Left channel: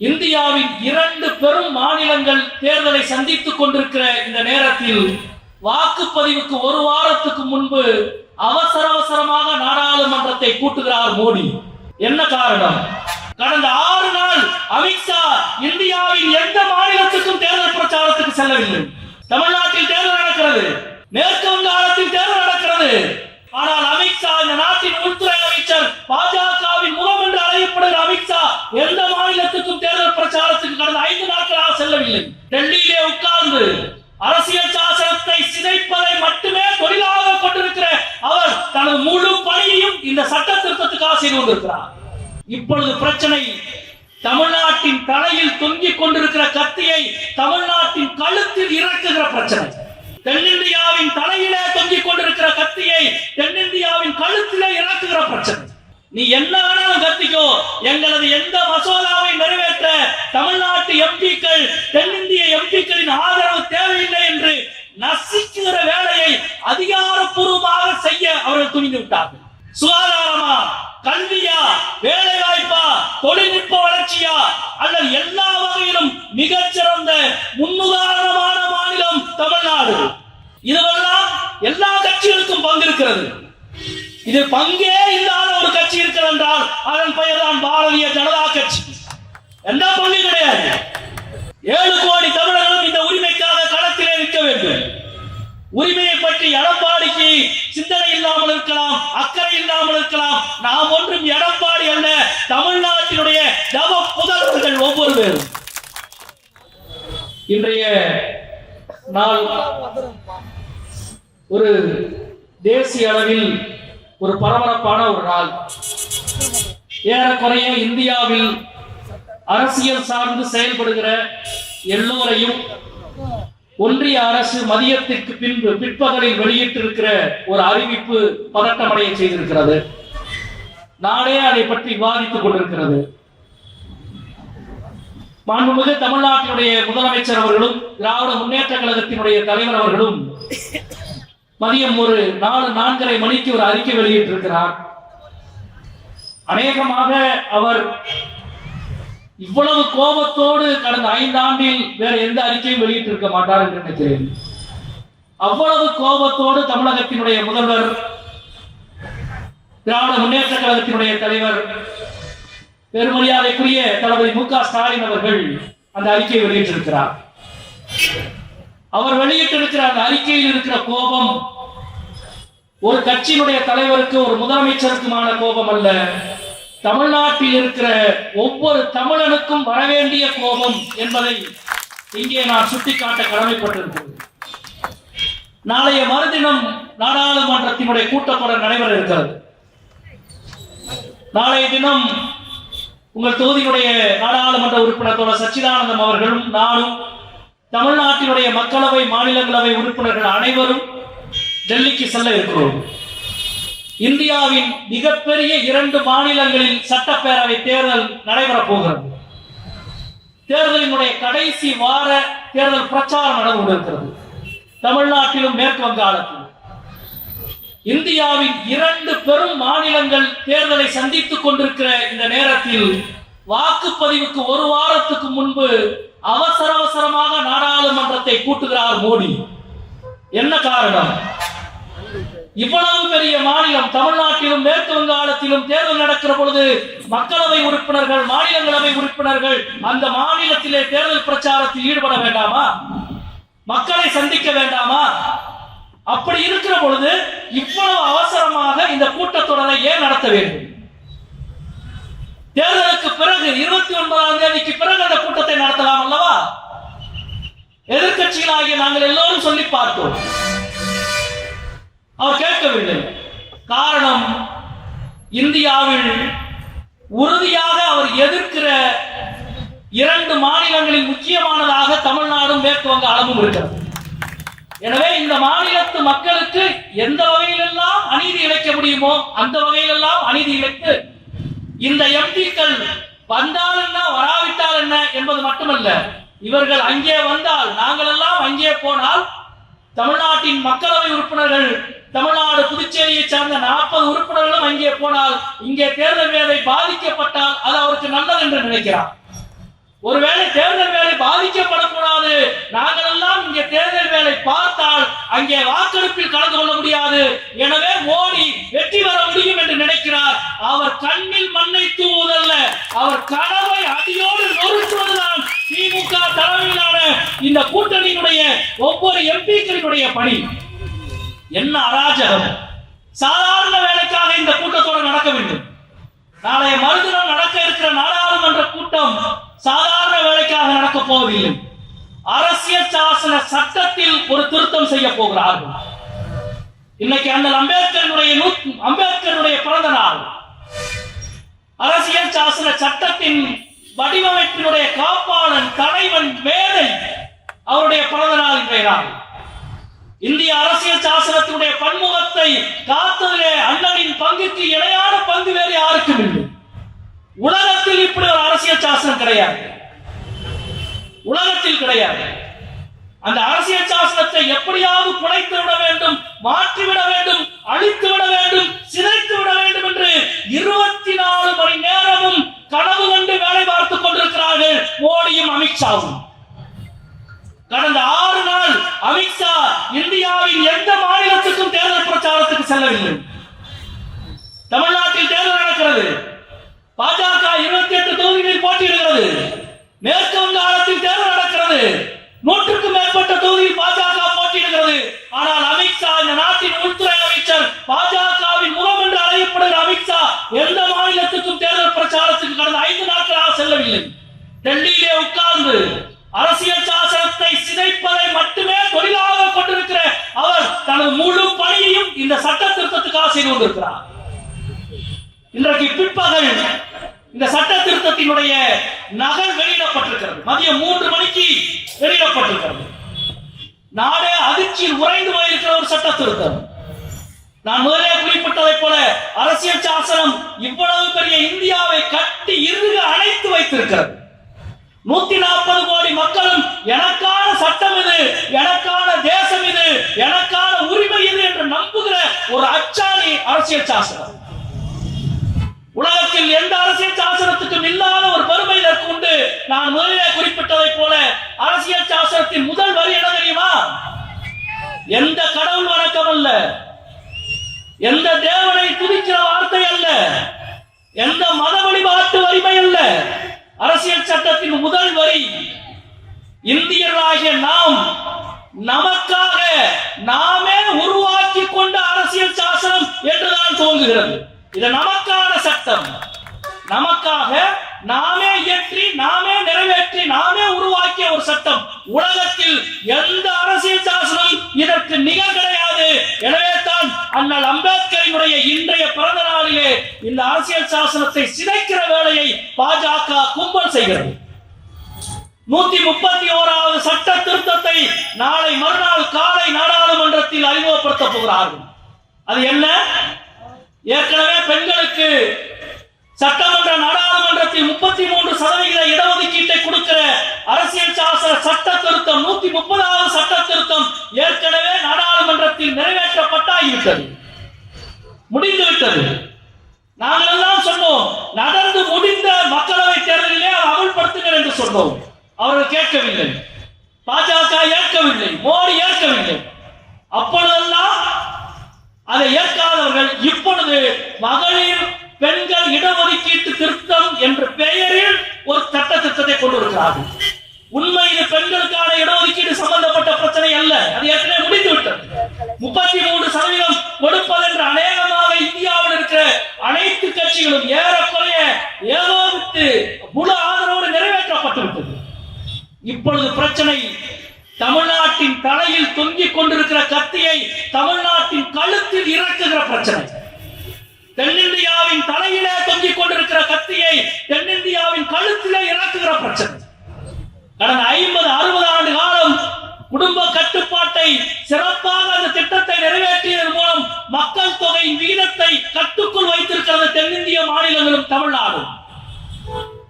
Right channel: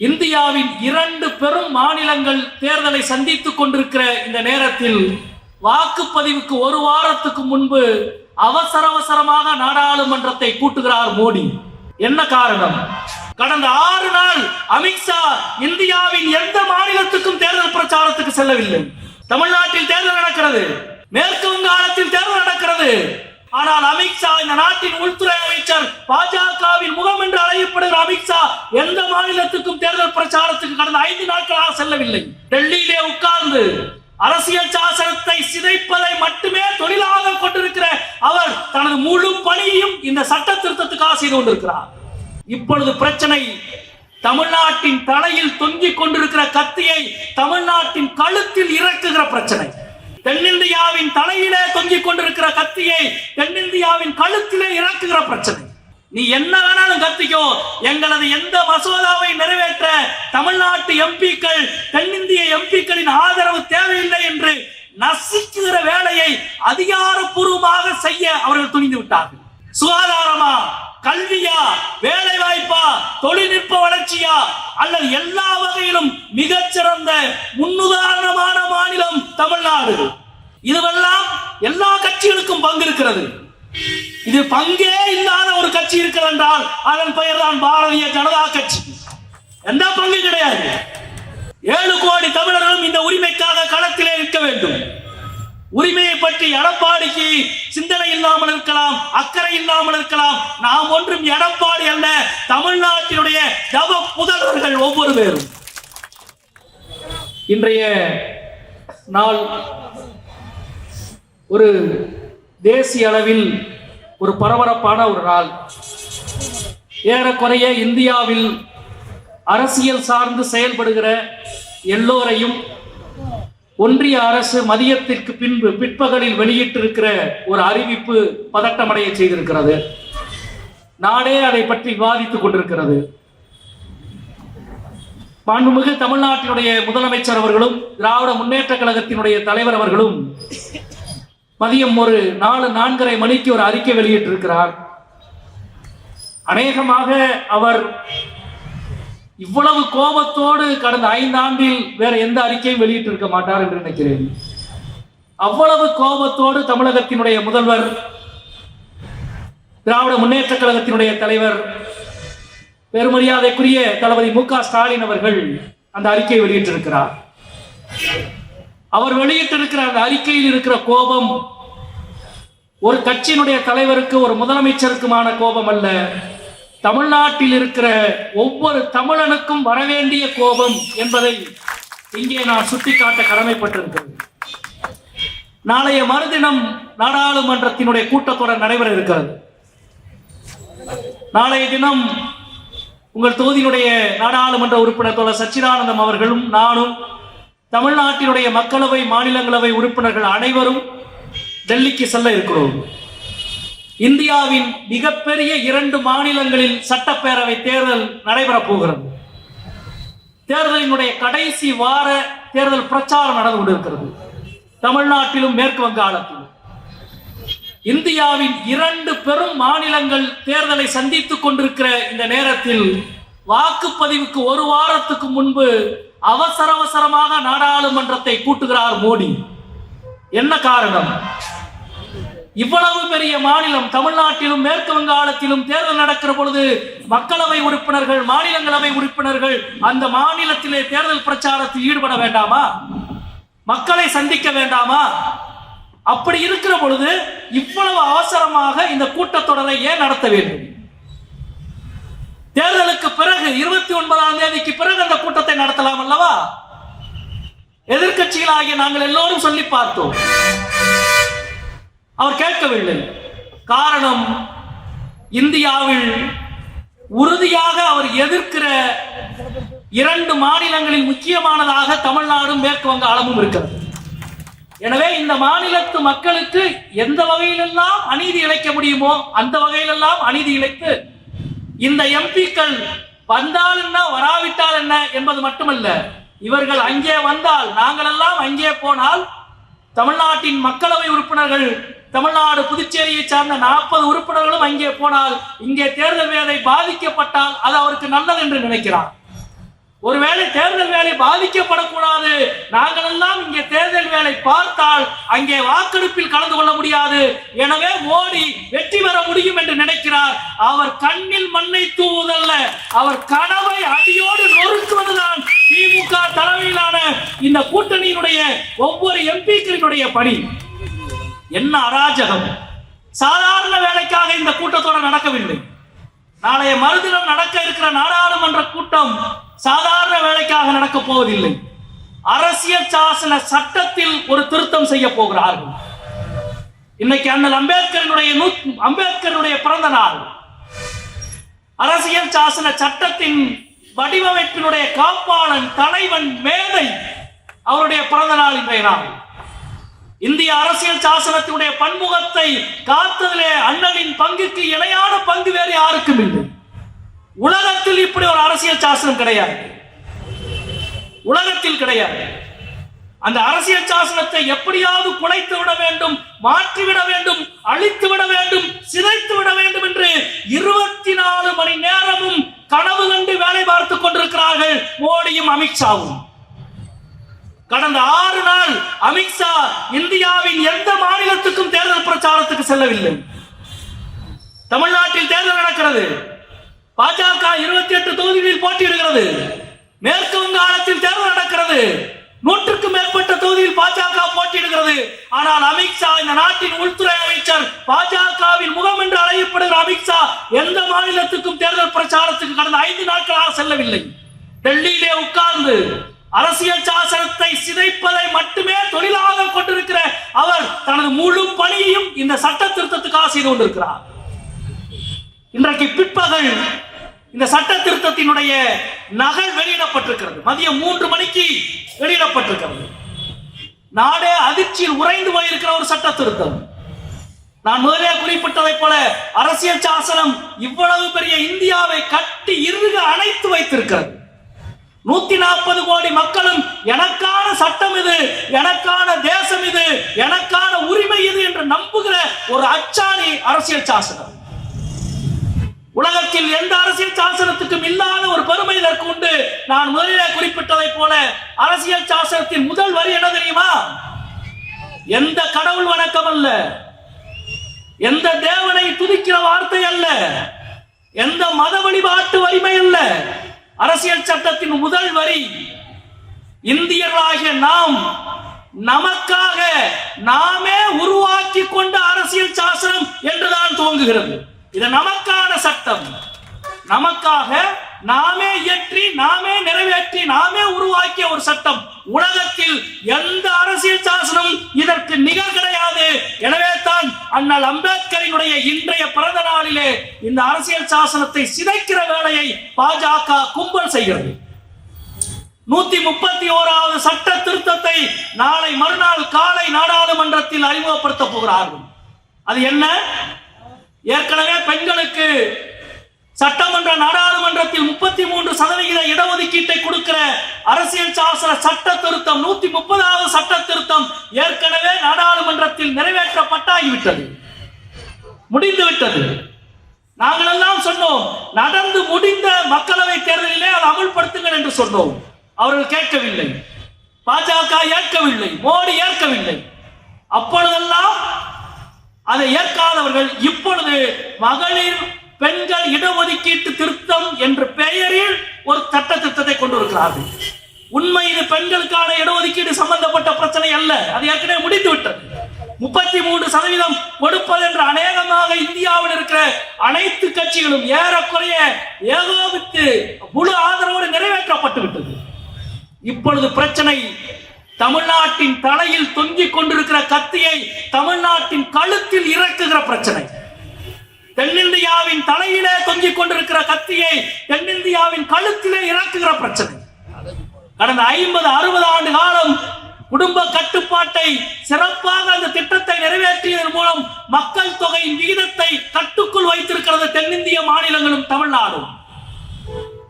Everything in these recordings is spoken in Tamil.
இந்தியாவின் 2 பெரும் மாநிலங்கள் தேர்தலை சந்தித்துக் கொண்டிருக்கிற இந்த நேரத்தில் வாக்குப்பதிவுக்கு ஒரு வாரத்துக்கு முன்பு அவசரமாக நாடாளுமன்றத்தை கூட்டுகிறார் மோடி. என்ன காரணம்? கடந்த 6 நாள் அமித்ஷா இந்தியாவின் எந்த மாநிலத்துக்கும் தேர்தல் பிரச்சாரத்துக்கு செல்லவில்லை. தமிழ்நாட்டில் தேர்தல் நடக்கிறது, மேற்கு வங்காளத்தில் தேர்தல் நடக்கிறது. ஆனால் அமித்ஷா, இந்த நாட்டின் உள்துறை அமைச்சர், பாஜகவின் முகம் என்று அழைக்கப்படுகிற அமித்ஷா எந்த மாநிலத்துக்கும் தேர்தல் பிரச்சாரத்துக்கு கடந்த 5 நாட்களாக செல்லவில்லை. டெல்லியிலே உட்கார்ந்து அரசியல் சாசனத்தை சிதைப்பதை மட்டுமே தொழிலாக கொண்டிருக்கிற அவர் தனது முழு பணியையும் இந்த சட்ட திருத்தத்துக்காக செய்து கொண்டிருக்கிறார். இப்பொழுது பிரச்சனை தமிழ்நாட்டின் தலையில் தொங்கிக் கொண்டிருக்கிற கத்தியை தமிழ்நாட்டின் கழுத்தில் இறக்குகிற பிரச்சனை. தென்னிந்தியாவின் தலையிலே தொங்கிக் கொண்டிருக்கிற கத்தியை தென்னிந்தியாவின் கழுத்திலே இறக்குகிற பிரச்சனை. நீ என்ன வேணாலும் கத்திக்கோ, எங்களது எந்த மசோதாவை நிறைவேற்ற தமிழ்நாட்டு எம்பிக்கள், தென்னிந்திய எம்பிக்களின் ஆதரவு தேவையில்லை என்று நசுக்குகிற வேலையை அதிகாரப்பூர்வமாக செய்ய அவர்கள் துணிந்து விட்டார்கள். சுகாதாரமா, கல்வியா, வேலை வாய்ப்பா, தொழில்நுட்ப வளர்ச்சியா அல்லது எல்லா வகையிலும் மிகச்சிறந்த முன்னுதாரணமான மாநிலம் தமிழ்நாடு. இதுவெல்லாம் எல்லா கட்சிகளுக்கும் பங்கு இருக்கிறது. இது பங்கே இல்லாத ஒரு கட்சி இருக்கிறது என்றால் அதன் பெயர் தான் பாரதிய ஜனதா கட்சி. எந்த பங்கு கிடையாது. 7 கோடி தமிழர்களும் இந்த உரிமைக்காக களத்திலே நிற்க வேண்டும். உரிமையை பற்றி எடப்பாடிக்கு சிந்தனை இல்லாமல் இருக்கலாம், அக்கறை இல்லாமல் இருக்கலாம். நாம் ஒன்றும் எடப்பாடி அல்ல, தமிழ்நாட்டினுடைய தவ புதல்வர்கள் ஒவ்வொரு பேரும். இன்றைய நாள் ஒரு தேசிய அளவில் ஒரு பரபரப்பான ஒரு நாள். ஏறக்குறைய இந்தியாவில் அரசியல் சார்ந்து செயல்படுகிற எல்லோரையும் ஒன்றிய அரசு மதியத்திற்கு பின்பு பிற்பகலில் வெளியிட்டிருக்கிற ஒரு அறிவிப்பு பதட்டமடைய செய்திருக்கிறது. நாடே அதை பற்றி விவாதித்துக் கொண்டிருக்கிறது. மாண்புமிகு தமிழ்நாட்டினுடைய முதலமைச்சர் அவர்களும் திராவிட முன்னேற்ற கழகத்தினுடைய தலைவர் அவர்களும் மதியம் ஒரு 4:30 மணிக்கு ஒரு அறிக்கை வெளியிட்டிருக்கிறார். அநேகமாக அவர் இவ்வளவு கோபத்தோடு கடந்த 5 ஆண்டில் வேற எந்த அறிக்கையும் வெளியிட்டிருக்க மாட்டார் என்று நினைக்கிறேன். அவ்வளவு கோபத்தோடு தமிழகத்தினுடைய முதல்வர், திராவிட முன்னேற்ற கழகத்தினுடைய தலைவர், பெருமரியாதைக்குரிய தளபதி மு.க. ஸ்டாலின் அவர்கள் அந்த அறிக்கையை வெளியிட்டிருக்கிறார். அவர் வெளியிட்டிருக்கிற அந்த அறிக்கையில் இருக்கிற கோபம் ஒரு கட்சியினுடைய தலைவருக்கு, ஒரு முதலமைச்சருக்குமான கோபம் அல்ல. தமிழ்நாட்டில் இருக்கிற ஒவ்வொரு தமிழனுக்கும் வரவேண்டிய கோபம் என்பதை இங்கே நான் சுட்டிக்காட்ட கடமைப்பட்டிருக்கிறேன். நாளைய மறுதினம் நாடாளுமன்றத்தினுடைய கூட்டத்தொடர் நடைபெற இருக்கிறது. நாளைய தினம் உங்கள் தொகுதியினுடைய நாடாளுமன்ற உறுப்பினர் தோழர் சச்சிதானந்தம் அவர்களும் நானும், தமிழ்நாட்டினுடைய மக்களவை, மாநிலங்களவை உறுப்பினர்கள் அனைவரும் டெல்லிக்கு செல்ல இருக்கிறோம். இந்தியாவின் மிகப்பெரிய 2 மாநிலங்களில் சட்டப்பேரவை தேர்தல் நடைபெறப் போகிறது. தேர்தலினுடைய கடைசி வார தேர்தல் பிரச்சாரம் நடந்து கொண்டிருக்கிறது. தமிழ்நாட்டிலும் மேற்கு வங்காளத்திலும். இந்தியாவின் 2 பெரும் மாநிலங்கள் தேர்தலை சந்தித்துக் கொண்டிருக்கிற இந்த நேரத்தில் வாக்குப்பதிவுக்கு ஒரு வாரத்துக்கு முன்பு அவசரமாக நாடாளுமன்றத்தை கூட்டுகிறார் மோடி. என்ன காரணம்? இவ்வளவு பெரிய மாநிலம் தமிழ்நாட்டிலும் மேற்கு வங்காளத்திலும் தேர்தல் நடக்கிற பொழுது மக்களவை உறுப்பினர்கள், மாநிலங்களவை உறுப்பினர்கள் அந்த மாநிலத்திலே தேர்தல் பிரச்சாரத்தில் ஈடுபட வேண்டாமா? மக்களை சந்திக்க வேண்டாமா? அப்படி இருக்கிற பொழுது இவ்வளவு அவசரமாக இந்த கூட்டத்தொடரை ஏன் நடத்த வேண்டும்? தேர்தலுக்கு பிறகு 29ஆம் தேதிக்கு பிறகு அந்த கூட்டத்தை நடத்தலாம் அல்லவா? எதிர்க்கட்சிகளாகிய நாங்கள் எல்லோரும் சொல்லி பார்த்தோம். அவர் கேட்கவில்லை. காரணம், இந்தியாவில் உறுதியாக அவர் எதிர்க்கிற 2 மாநிலங்களில் முக்கியமானதாக தமிழ்நாடும் மேற்கு வங்காளமும் இருக்கிறது. எனவே இந்த மாநிலத்து மக்களுக்கு எந்த வகையிலெல்லாம் அநீதி இழைக்க முடியுமோ அந்த வகையிலெல்லாம் அநீதி இழைத்து இந்த எம்பிக்கள் வந்தால் என்ன, வராவிட்டால் என்ன என்பது மட்டுமல்ல, இவர்கள் அங்கே வந்தால், நாங்கள் எல்லாம் அங்கே போனால், தமிழ்நாட்டின் மக்களவை உறுப்பினர்கள், தமிழ்நாடு புதுச்சேரியை சார்ந்த 40 உறுப்பினர்களும் அங்கே போனால், இங்கே தேர்தல் வேலை பாதிக்கப்பட்டால் அது அவருக்கு நல்லது என்று நினைக்கிறார். ஒருவேளை தேர்தல் வேலை பாதிக்கப்படக்கூடாது, நாங்கள் எல்லாம் இங்கே தேர்தல் வேலை பார்த்தால் அங்கே வாக்கெடுப்பில் கலந்து கொள்ள முடியாது, எனவே மோடி வெற்றி பெற முடியும் என்று நினைக்கிறார். அவர் கண்ணில் மண்ணை தூவுவதல்ல, அவர் கனவை அடியோடு நொறுக்குவதுதான் திமுக தலைமையிலான இந்த கூட்டணியினுடைய ஒவ்வொரு எம்பிக்களினுடைய பணி. என்ன அராஜகம்! சாதாரண வேலைக்காக இந்த கூட்டத்தொடர் நடக்கவில்லை. நாளைய மறுதினம் நடக்க இருக்கிற நாடாளுமன்ற கூட்டம் சாதாரண வேலைக்காக நடக்கப் போவதில்லை. அரசியல் சாசன சட்டத்தில் ஒரு திருத்தம் செய்ய போகிறார்கள். இன்னைக்கு அண்ணல் அம்பேத்கருடைய பிறந்த நாள். அரசியல் சாசன சட்டத்தின் வடிவமைப்பினுடைய காப்பாளன், தலைவன், மேதை அவருடைய பிறந்த நாள் இன்றைய நாள். இந்திய அரசியல் சாசனத்தினுடைய பன்முகத்தை காத்ததிலே அண்ணனின் பங்குக்கு இணையான பங்கு வேறு யாருக்கும் இல்லை. உலகத்தில் இப்படி ஒரு அரசியல் சாசனம் கிடையாது, உலகத்தில் கிடையாது. அந்த அரசியல் சாசனத்தை எப்படியாவது குலைத்து விட வேண்டும், மாற்றிவிட வேண்டும், அழித்து விட வேண்டும், சிதைத்து விட வேண்டும் என்று 24 மணி நேரமும் கனவு கண்டு வேலை பார்த்துக் கொண்டிருக்கிறார்கள் மோடியும் அமித்ஷாவும். கடந்த 6 நாள் அமித்ஷா இந்தியாவின் எந்த மாநிலத்துக்கும் தேர்தல் பிரச்சாரத்துக்கு செல்லவில்லை. தமிழ்நாட்டில் தேர்தல் நடக்கிறது, பாஜக 28 தொகுதிகளில் போட்டியிடுகிறது. மேற்கு வங்காளத்தில் தேர்தல் நடக்கிறது, 100க்கும் மேற்பட்ட தொகுதியில் பாஜக போட்டியிடுகிறது. ஆனால் அமித்ஷா, இந்த நாட்டின் உள்துறை அமைச்சர், பாஜகவின் முகம் என்று அழைக்கப்படுகிற அமித்ஷா எந்த மாநிலத்துக்கும் தேர்தல் பிரச்சாரத்துக்கு கடந்த 5 நாட்களாக செல்லவில்லை. டெல்லியிலே உட்கார்ந்து அரசியல் சாசனத்தை சிதைப்பதை மட்டுமே தொழிலாக கொண்டிருக்கிற அவர் தனது முழு பணியையும் இந்த சட்ட திருத்தத்துக்காக செய்து கொண்டிருக்கிறார். இன்றைக்கு பிற்பகல் இந்த சட்ட திருத்தத்தினுடைய நகல் வெளியிடப்பட்டிருக்கிறது. மதியம் 3 மணிக்கு வெளியிடப்பட்டிருக்கிறது. நாடே அதிர்ச்சியில் உறைந்து போயிருக்கிற ஒரு சட்ட திருத்தம். நான் முதலே குறிப்பிட்டதை போல அரசியல் சாசனம் இவ்வளவு பெரிய இந்தியாவை கட்டி இறுக அணைத்து வைத்திருக்கிறது. 140 கோடி மக்களும் எனக்கான சட்டம் இது, எனக்கான தேசம் இது, எனக்கான உரிமை இது என்று நம்புகிற ஒரு அச்சாணி அரசியல் சாசனம். உலகத்தில் எந்த அரசியல் சாசனத்துக்கும் இல்லாத ஒரு பெருமை இதற்கு உண்டு. நான் முதலிலே குறிப்பிட்டதை போல அரசியல் சாசனத்தின் முதல் வரி என்ன தெரியுமா? எந்த கடவுள் வணக்கம் அல்ல, எந்த தேவனை துதிக்கிற வார்த்தை அல்ல, எந்த மத வழிபாட்டு வலிமை அல்ல. அரசியல் சட்டத்தின் முதல் வரி இந்தியர்களாகிய நாம் நமக்காக நாமே உருவாக்கி கொண்ட அரசியல் சாசனம் என்றுதான் துவங்குகிறது. இது நமக்கான சட்டம், நமக்காக நாமே இயற்றி, நாமே நிறைவேற்றி, நாமே உருவாக்கிய ஒரு சட்டம். உலகத்தில் எந்த அரசியல் சாசனம் இதற்கு நிகர் கிடையாது. எனவே தான் அண்ணல் அம்பேத்கரினுடைய இன்றைய பிறந்த நாளிலே இந்த அரசியல் சாசனத்தை சிதைக்கிற வேலையை பாஜக கும்பல் செய்கிறது. 131வது சட்ட திருத்தத்தை நாளை மறுநாள் காலை நாடாளுமன்றத்தில் அறிமுகப்படுத்த போகிறார்கள். அது என்ன? ஏற்கனவே பெண்களுக்கு சட்டமன்ற நாடாளுமன்றத்தில் 33% இடஒதுக்கீட்டை கொடுக்கிற அரசியல் சாசன சட்ட திருத்தம் 130வது சட்ட திருத்தம் ஏற்கனவே நாடாளுமன்றத்தில் நிறைவேற்றப்பட்டாகிவிட்டது, முடிந்துவிட்டது. நாங்கள் எல்லாம் சொன்னோம், நடந்து முடிந்த மக்களவை தேர்தலிலே அதை அமல்படுத்துங்கள் என்று சொன்னோம். அவர்கள் கேட்கவில்லை, பாஜக ஏற்கவில்லை, மோடி ஏற்கவில்லை. அப்பொழுதெல்லாம் அதை ஏற்காதவர்கள் இப்பொழுது மகளிர் பெண்கள் இடஒதுக்கீட்டு திருத்தம் என்ற பெயரில் ஒரு சட்ட திருத்தத்தை கொண்டு வருகிறார்கள். உண்மை இது பெண்களுக்கான இடஒதுக்கீடு சம்பந்தப்பட்ட பிரச்சனை அல்ல, அது ஏற்கனவே முடிந்துவிட்டது. 33% கொடுப்பது என்று அநேகமாக இந்தியாவில் இருக்கிற அனைத்து கட்சிகளும் ஏறக்குறைய ஏகோபித்து முழு ஆதரவோடு நிறைவேற்றப்பட்டு விட்டது. இப்பொழுது பிரச்சனை தமிழ்நாட்டின் தலையில் தொங்கிக் கொண்டிருக்கிற கத்தியை தமிழ்நாட்டின் கழுத்தில் இறக்குகிற பிரச்சனை. தென்னிந்தியாவின் தலையிலே தொங்கிக் கொண்டிருக்கிற கத்தியை தென்னிந்தியாவின் கழுத்திலே இறக்குகிற பிரச்சனை. கடந்த 50-60 ஆண்டு காலம் குடும்ப கட்டுப்பாட்டை சிறப்பாக அந்த திட்டத்தை நிறைவேற்றியதன் மூலம் மக்கள் தொகையின் விகிதத்தை கட்டுக்குள் வைத்திருக்கிறது தென்னிந்திய மாநிலங்களும் தமிழ்நாடும்.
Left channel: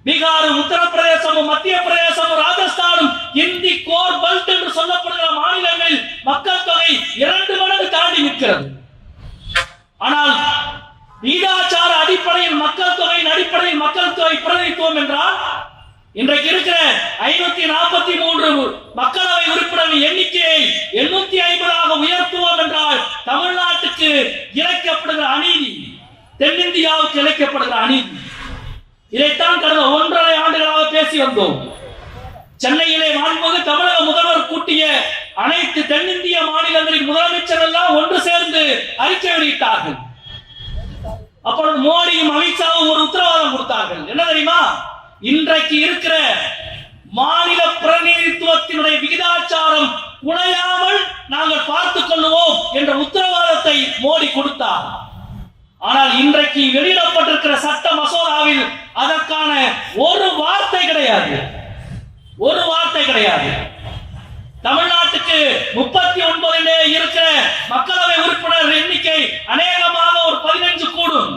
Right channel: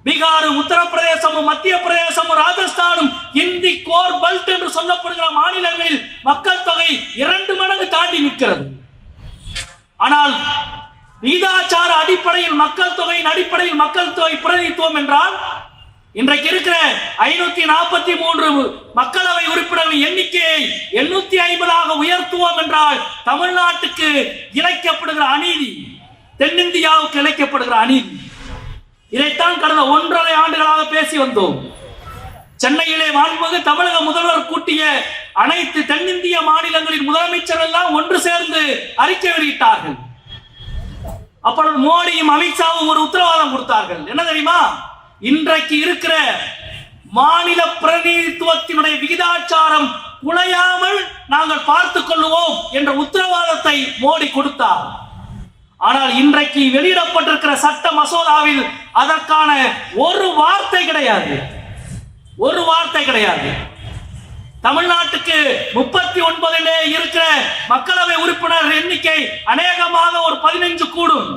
பீகார், உத்தரப்பிரதேசமும் மத்திய பிரதேசமும் ராஜஸ்தானும் இந்தி கோர் பெல்ட் என்று சொல்லப்படுகிற மாநிலங்களில் மக்கள் தொகை 2 மடங்கு தாண்டி நிற்கிறது. ஆனால் விகிதாச்சார அடிப்படையில் மக்கள் தொகையின் அடிப்படையில் மக்கள் தொகை பிரதிநிதித்துவம் என்றால் இன்றைக்கு இருக்கிற 543 மக்களவை உறுப்பினர்கள் எண்ணிக்கையை 850 உயர்த்துவோம் என்றால் தமிழ்நாட்டுக்கு இழைக்கப்படுகிற அநீதி, தென்னிந்தியாவுக்கு இழைக்கப்படுகிற அநீதி. இதைத்தான் கடந்த 1.5 ஆண்டுகளாக பேசி வந்தோம். சென்னையிலே மாண்புமிகு தமிழக முதல்வர் கூட்டிய அனைத்து தென்னிந்திய மாநிலங்களின் முதலமைச்சர்கள் எல்லாம் ஒன்று சேர்ந்து அறிக்கை வெளியிட்டார்கள். அப்பொழுது மோடியும் அமித்ஷாவும் ஒரு உத்தரவாதம் கொடுத்தார்கள். என்ன தெரியுமா? இன்றைக்கு இருக்கிற மாநில பிரதிநிதித்துவத்தினுடைய விகிதாச்சாரம் குலையாமல் நாங்கள் பார்த்துக் கொள்வோம் என்ற உத்தரவாதத்தை மோடி கொடுத்தார். ஆனால் இன்றைக்கு வெளியிடப்பட்டிருக்கிற சட்ட மசோதாவில் அதற்கான ஒரு வார்த்தை கிடையாது. ஒரு வார்த்தை கிடையாது. தமிழ்நாட்டுக்கு 39 இருக்கிற மக்களவை உறுப்பினர் எண்ணிக்கை அநேகமாக ஒரு 15 கூடும்.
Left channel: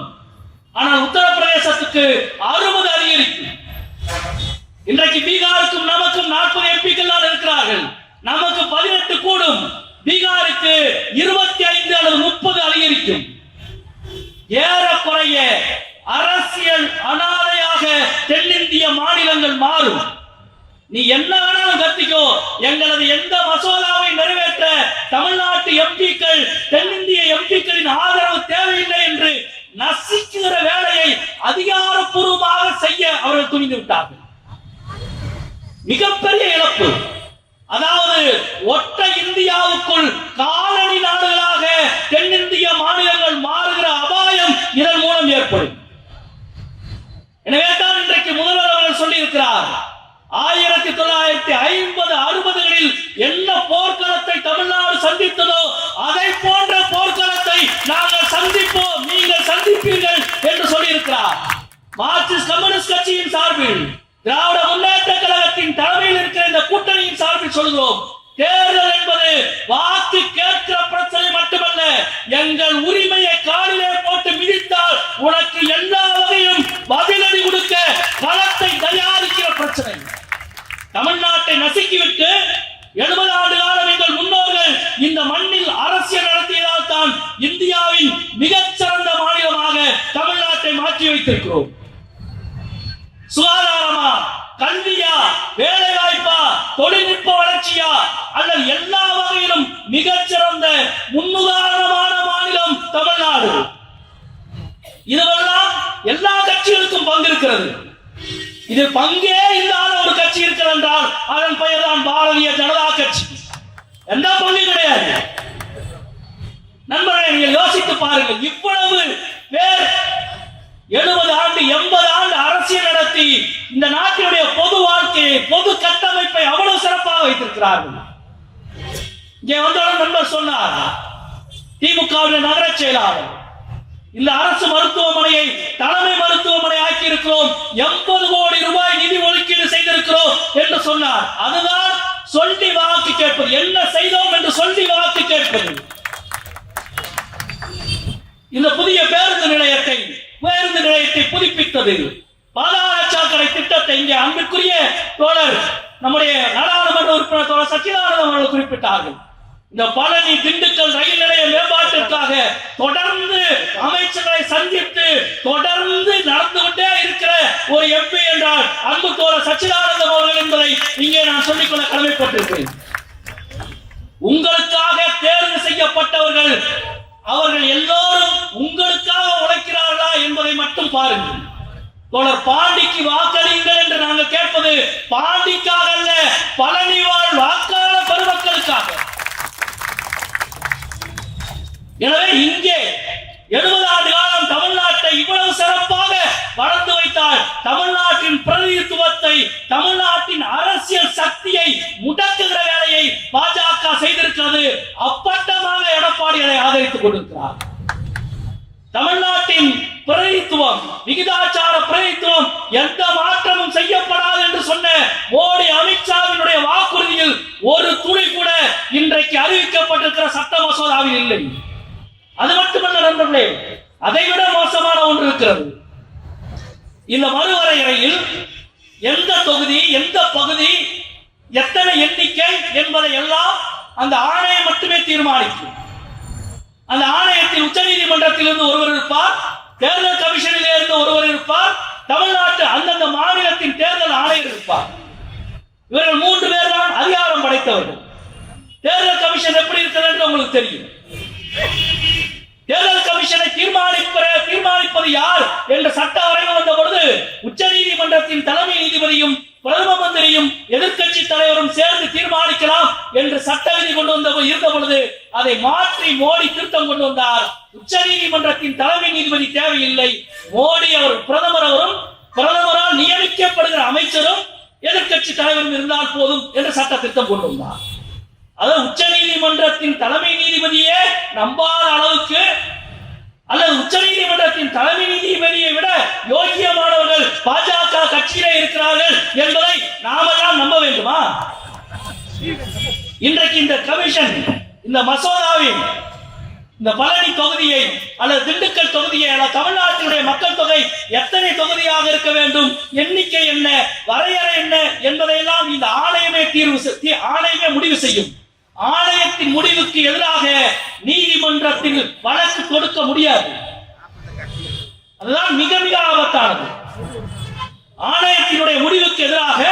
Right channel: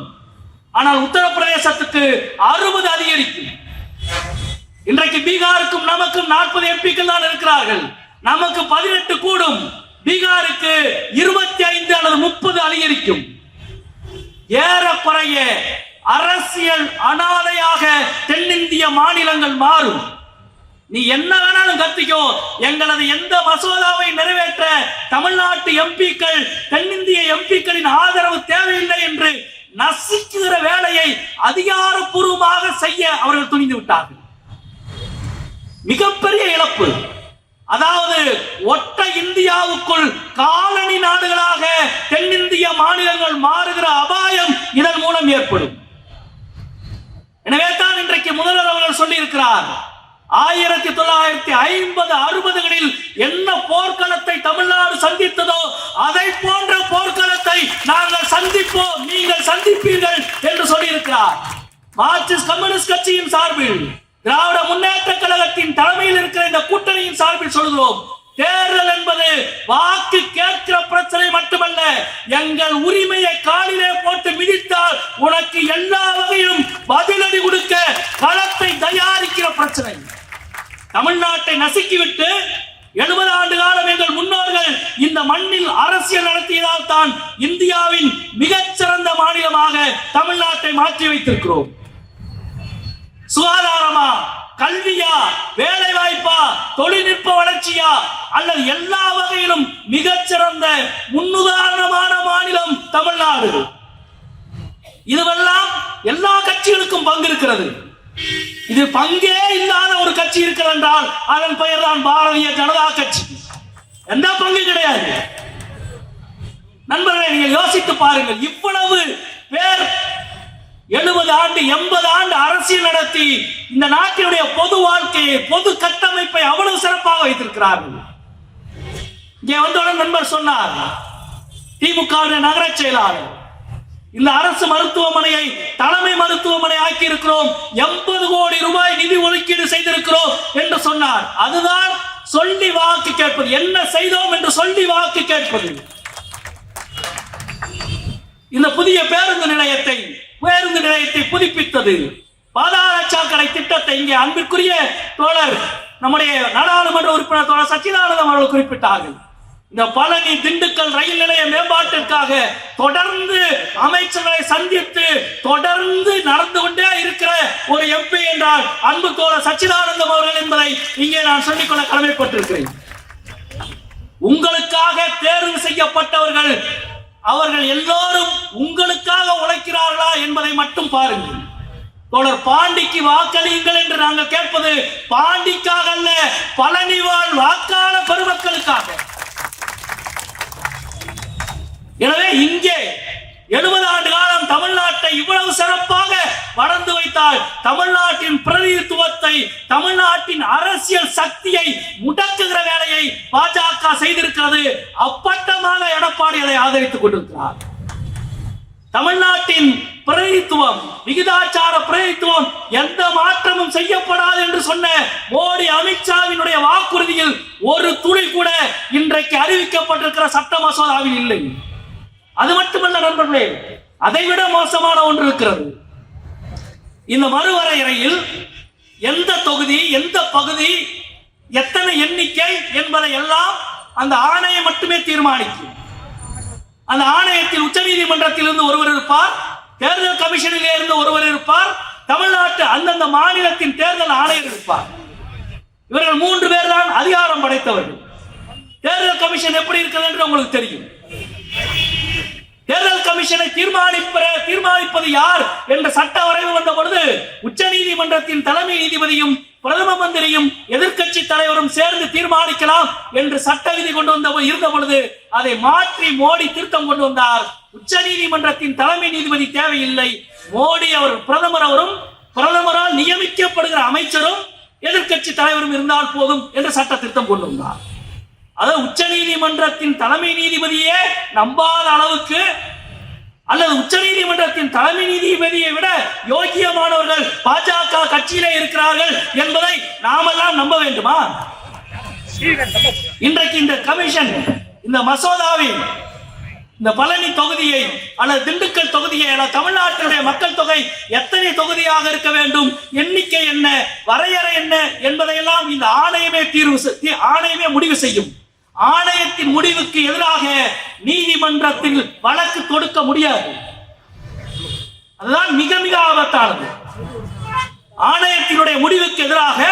ஆனால் உத்தரப்பிரதேசத்துக்கு 60 அதிகரிக்கும். இன்றைக்கு பீகாருக்கும் நமக்கும் 40 எம்பிக்கள் தான் இருக்கிறார்கள். நமக்கு 18 கூடும். பீகாருக்கு 25 அல்லது 30 அதிகரிக்கும். ஏறக்குறைய அரசியல் அனாதையாக தென்னிந்திய மாநிலங்கள் மாறும். நீ என்ன வேணாலும் கத்திக்கோ, எங்களது எந்த மசோதாவை நிறைவேற்ற தமிழ்நாட்டு எம்பிக்கள் தென்னிந்திய எம்பிக்களின் ஆதரவு தேவையில்லை என்று நசிக்குகிற வேலையை அதிகாரப்பூர்வமாக செய்ய அவர்கள் துணிந்து விட்டார்கள். மிகப்பெரிய இழப்பு. அதாவது ஒற்றை இந்தியாவுக்குள் காலனி நாடுகளாக தென்னிந்திய மாநிலங்கள் மாறுகிற அபாயம் இதன் மூலம் ஏற்படும். எனவே தான் இன்றைக்கு முதல்வர் அவர்கள் சொல்லி இருக்கிறார், 1950-60களில் என்ன போர்க்களத்தை தமிழ்நாடு சந்தித்ததோ அதை போன்ற போர்க்களத்தை நாங்கள் சந்திப்போம், நீங்கள் சந்திப்பீர்கள் என்று சொல்லியிருக்கிறார். மார்க்சிஸ்ட் கம்யூனிஸ்ட் கட்சியின் சார்பில், திராவிட முன்னேற்ற கழகத்தின் தலைமையில் இருக்கிற இந்த கூட்டணியின் சார்பில் சொல்கிறோம், தேர்தல் என்பது வாக்கு கேட்கிற பிரச்சனை மட்டுமல்ல, எங்கள் உரிமையை காலிலே போட்டு மிதித்தால் உனக்கு எல்லா வகையிலும் பதிலடி கொடுக்க களத்தை தயாரிக்கிற பிரச்சனை. தமிழ்நாட்டை நசுக்கிவிட்டு 70 ஆண்டு காலம் எங்கள் முன்னோர்கள் இந்த மண்ணில் அரசியல் நடத்தியதால் தான் இந்தியாவின் மிகச்சிறந்த மாநிலமாக தமிழ்நாட்டை மாற்றி வைத்திருக்கிறோம். சுகாதாரமா, கல்வியா, வேலை வாய்ப்பா, தொழில்நுட்ப வளர்ச்சியா அல்லது எல்லா வகையிலும் மிகச்சிறந்த முன்னுதாரணமான மாநிலம் தமிழ்நாடு. இதுவெல்லாம் எல்லா கட்சிகளுக்கும் பங்கு இருக்கிறது. இது பங்கே இல்லாத ஒரு கட்சி இருக்கிறது என்றால் அதன் பெயர் தான் பாரதிய ஜனதா கட்சி. எந்த பங்கு கிடையாது. நண்பர்களே, நீங்கள் யோசித்து பாருங்கள், இவ்வளவு பேர் 70 ஆண்டு 80 ஆண்டு அரசியல் நடத்தி இந்த நாட்டினுடைய பொது வாழ்க்கையை, பொது கட்டமைப்பை அவ்வளவு சிறப்பாக வைத்திருக்கிறார்கள். இங்கே வந்தவுடன் நண்பர் சொன்னார், திமுகவின் நகர செயலாளர், இந்த அரசு மருத்துவமனையை தலைமை மருத்துவமனை ஆக்கி இருக்கிறோம், 80 கோடி ரூபாய் நிதி ஒதுக்கீடு செய்திருக்கிறோம் என்று சொன்னார். அதுதான் சொல்லி வாக்கு கேட்பது. என்ன செய்தோம் என்று சொல்லி வாக்கு கேட்பது. இந்த புதிய பேருந்து நிலையத்தை புதுப்பித்தது, பாதாள சாக்கடை திட்டத்தை இங்கே அன்பிற்குரிய தோழர் நம்முடைய நாடாளுமன்ற உறுப்பினர் தோழர் சச்சிதானந்தம் அவர்கள் குறிப்பிட்டார்கள். இந்த பழனி திண்டுக்கல் ரயில் நிலைய மேம்பாட்டிற்காக தொடர்ந்து அமைச்சர்களை சந்தித்து தொடர்ந்து நடந்து கொண்டே இருக்கிற ஒரு எம்பி என்றால் அன்பு தோழர் சச்சிதானந்தம் அவர்கள் என்பதை இங்கே நான் சொல்லிக்கொள்ள கடமைப்பட்டிருக்கிறேன். உங்களுக்காக தேர்வு செய்யப்பட்டவர்கள் அவர்கள் எல்லோரும் உங்களுக்காக உழைக்கிறார்களா என்பதை மட்டும் பாருங்கள். தோழர் பாண்டிக்கு வாக்களியுங்கள் என்று நாங்கள் கேட்பது பாண்டிக்காக அல்ல, பழனி வாழ் வாக்காள பெருமக்களுக்காக. எனவே இங்கே 70 ஆண்டு காலம் தமிழ்நாட்டை இவ்வளவு சிறப்பாக வளர்ந்து வைத்தால் தமிழ்நாட்டின் பிரதிநிதித்துவத்தை, தமிழ்நாட்டின் அரசியல் சக்தியை முடக்குகிற வேலையை பாஜக செய்திருக்கிறது. அப்பட்டமாக எடப்பாடி அதை ஆதரித்துக் கொண்டிருக்கிறார். தமிழ்நாட்டின் பிரதிநிதித்துவம், விகிதாச்சார பிரதிநிதித்துவம் எந்த மாற்றமும் செய்யப்படாது என்று சொன்ன மோடி அமித்ஷாவினுடைய வாக்குறுதியில் ஒரு துளி கூட இன்றைக்கு அறிவிக்கப்பட்டிருக்கிற சட்ட மசோதாவில் இல்லை. அது மட்டுமல்ல நண்பர்களே, அதைவிட மோசமான ஒன்று இருக்கிறது. இந்த மறுவரையறையில் எந்த தொகுதி, எந்த பகுதி, எத்தனை எண்ணிக்கை என்பதை எல்லாம் அந்த ஆணையம் மட்டுமே தீர்மானிக்கும். அந்த ஆணையத்தில் உச்ச நீதிமன்றத்தில் இருந்து ஒருவர் இருப்பார், தேர்தல் கமிஷனில் இருந்து ஒருவர் இருப்பார், தமிழ்நாட்டு அந்தந்த மாநிலத்தின் தேர்தல் ஆணையர் இருப்பார். இவர்கள் 3 பேர் தான் அதிகாரம் படைத்தவர்கள். தேர்தல் கமிஷன் எப்படி இருக்கிறது என்று உங்களுக்கு தெரியும். தேர்தல் கமிஷனை தீர்மானிப்பது யார் என்ற சட்ட வரைவு வந்த பொழுது உச்ச நீதிமன்றத்தின் தலைமை நீதிபதியும் பிரதம மந்திரியும் எதிர்க்கட்சி தலைவரும் சேர்ந்து தீர்மானிக்கலாம் என்று சட்ட விதி கொண்டு இருந்த பொழுது அதை மாற்றி மோடி திருத்தம் கொண்டு வந்தார். உச்ச நீதிமன்றத்தின் தலைமை நீதிபதி தேவையில்லை, மோடி அவர் பிரதமரும் பிரதமரால் நியமிக்கப்படுகிற அமைச்சரும் எதிர்க்கட்சி தலைவரும் இருந்தால் போதும் என்று சட்ட திருத்தம் கொண்டு வந்தார். அதாவது உச்ச நீதிமன்றத்தின் தலைமை நீதிபதியே நம்பாத அளவுக்கு, அல்லது உச்ச நீதிமன்றத்தின் தலைமை நீதிபதியை விட யோகியமானவர்கள் பாஜக கட்சியிலே இருக்கிறார்கள் என்பதை நாமெல்லாம் நம்ப வேண்டுமா? இன்றைக்கு இந்த கமிஷன் இந்த மசோதாவின் இந்த பழனி தொகுதியை அல்லது திண்டுக்கல் தொகுதியை அல்லது தமிழ்நாட்டினுடைய மக்கள் தொகை எத்தனை தொகுதியாக இருக்க வேண்டும், எண்ணிக்கை என்ன, வரையறை என்ன என்பதையெல்லாம் இந்த ஆணையமே முடிவு செய்யும். ஆணையத்தின் முடிவுக்கு எதிராக நீதிமன்றத்தில் வழக்கு கொடுக்க முடியாது. அதுதான் மிக மிக ஆபத்தானது. ஆணையத்தினுடைய முடிவுக்கு எதிராக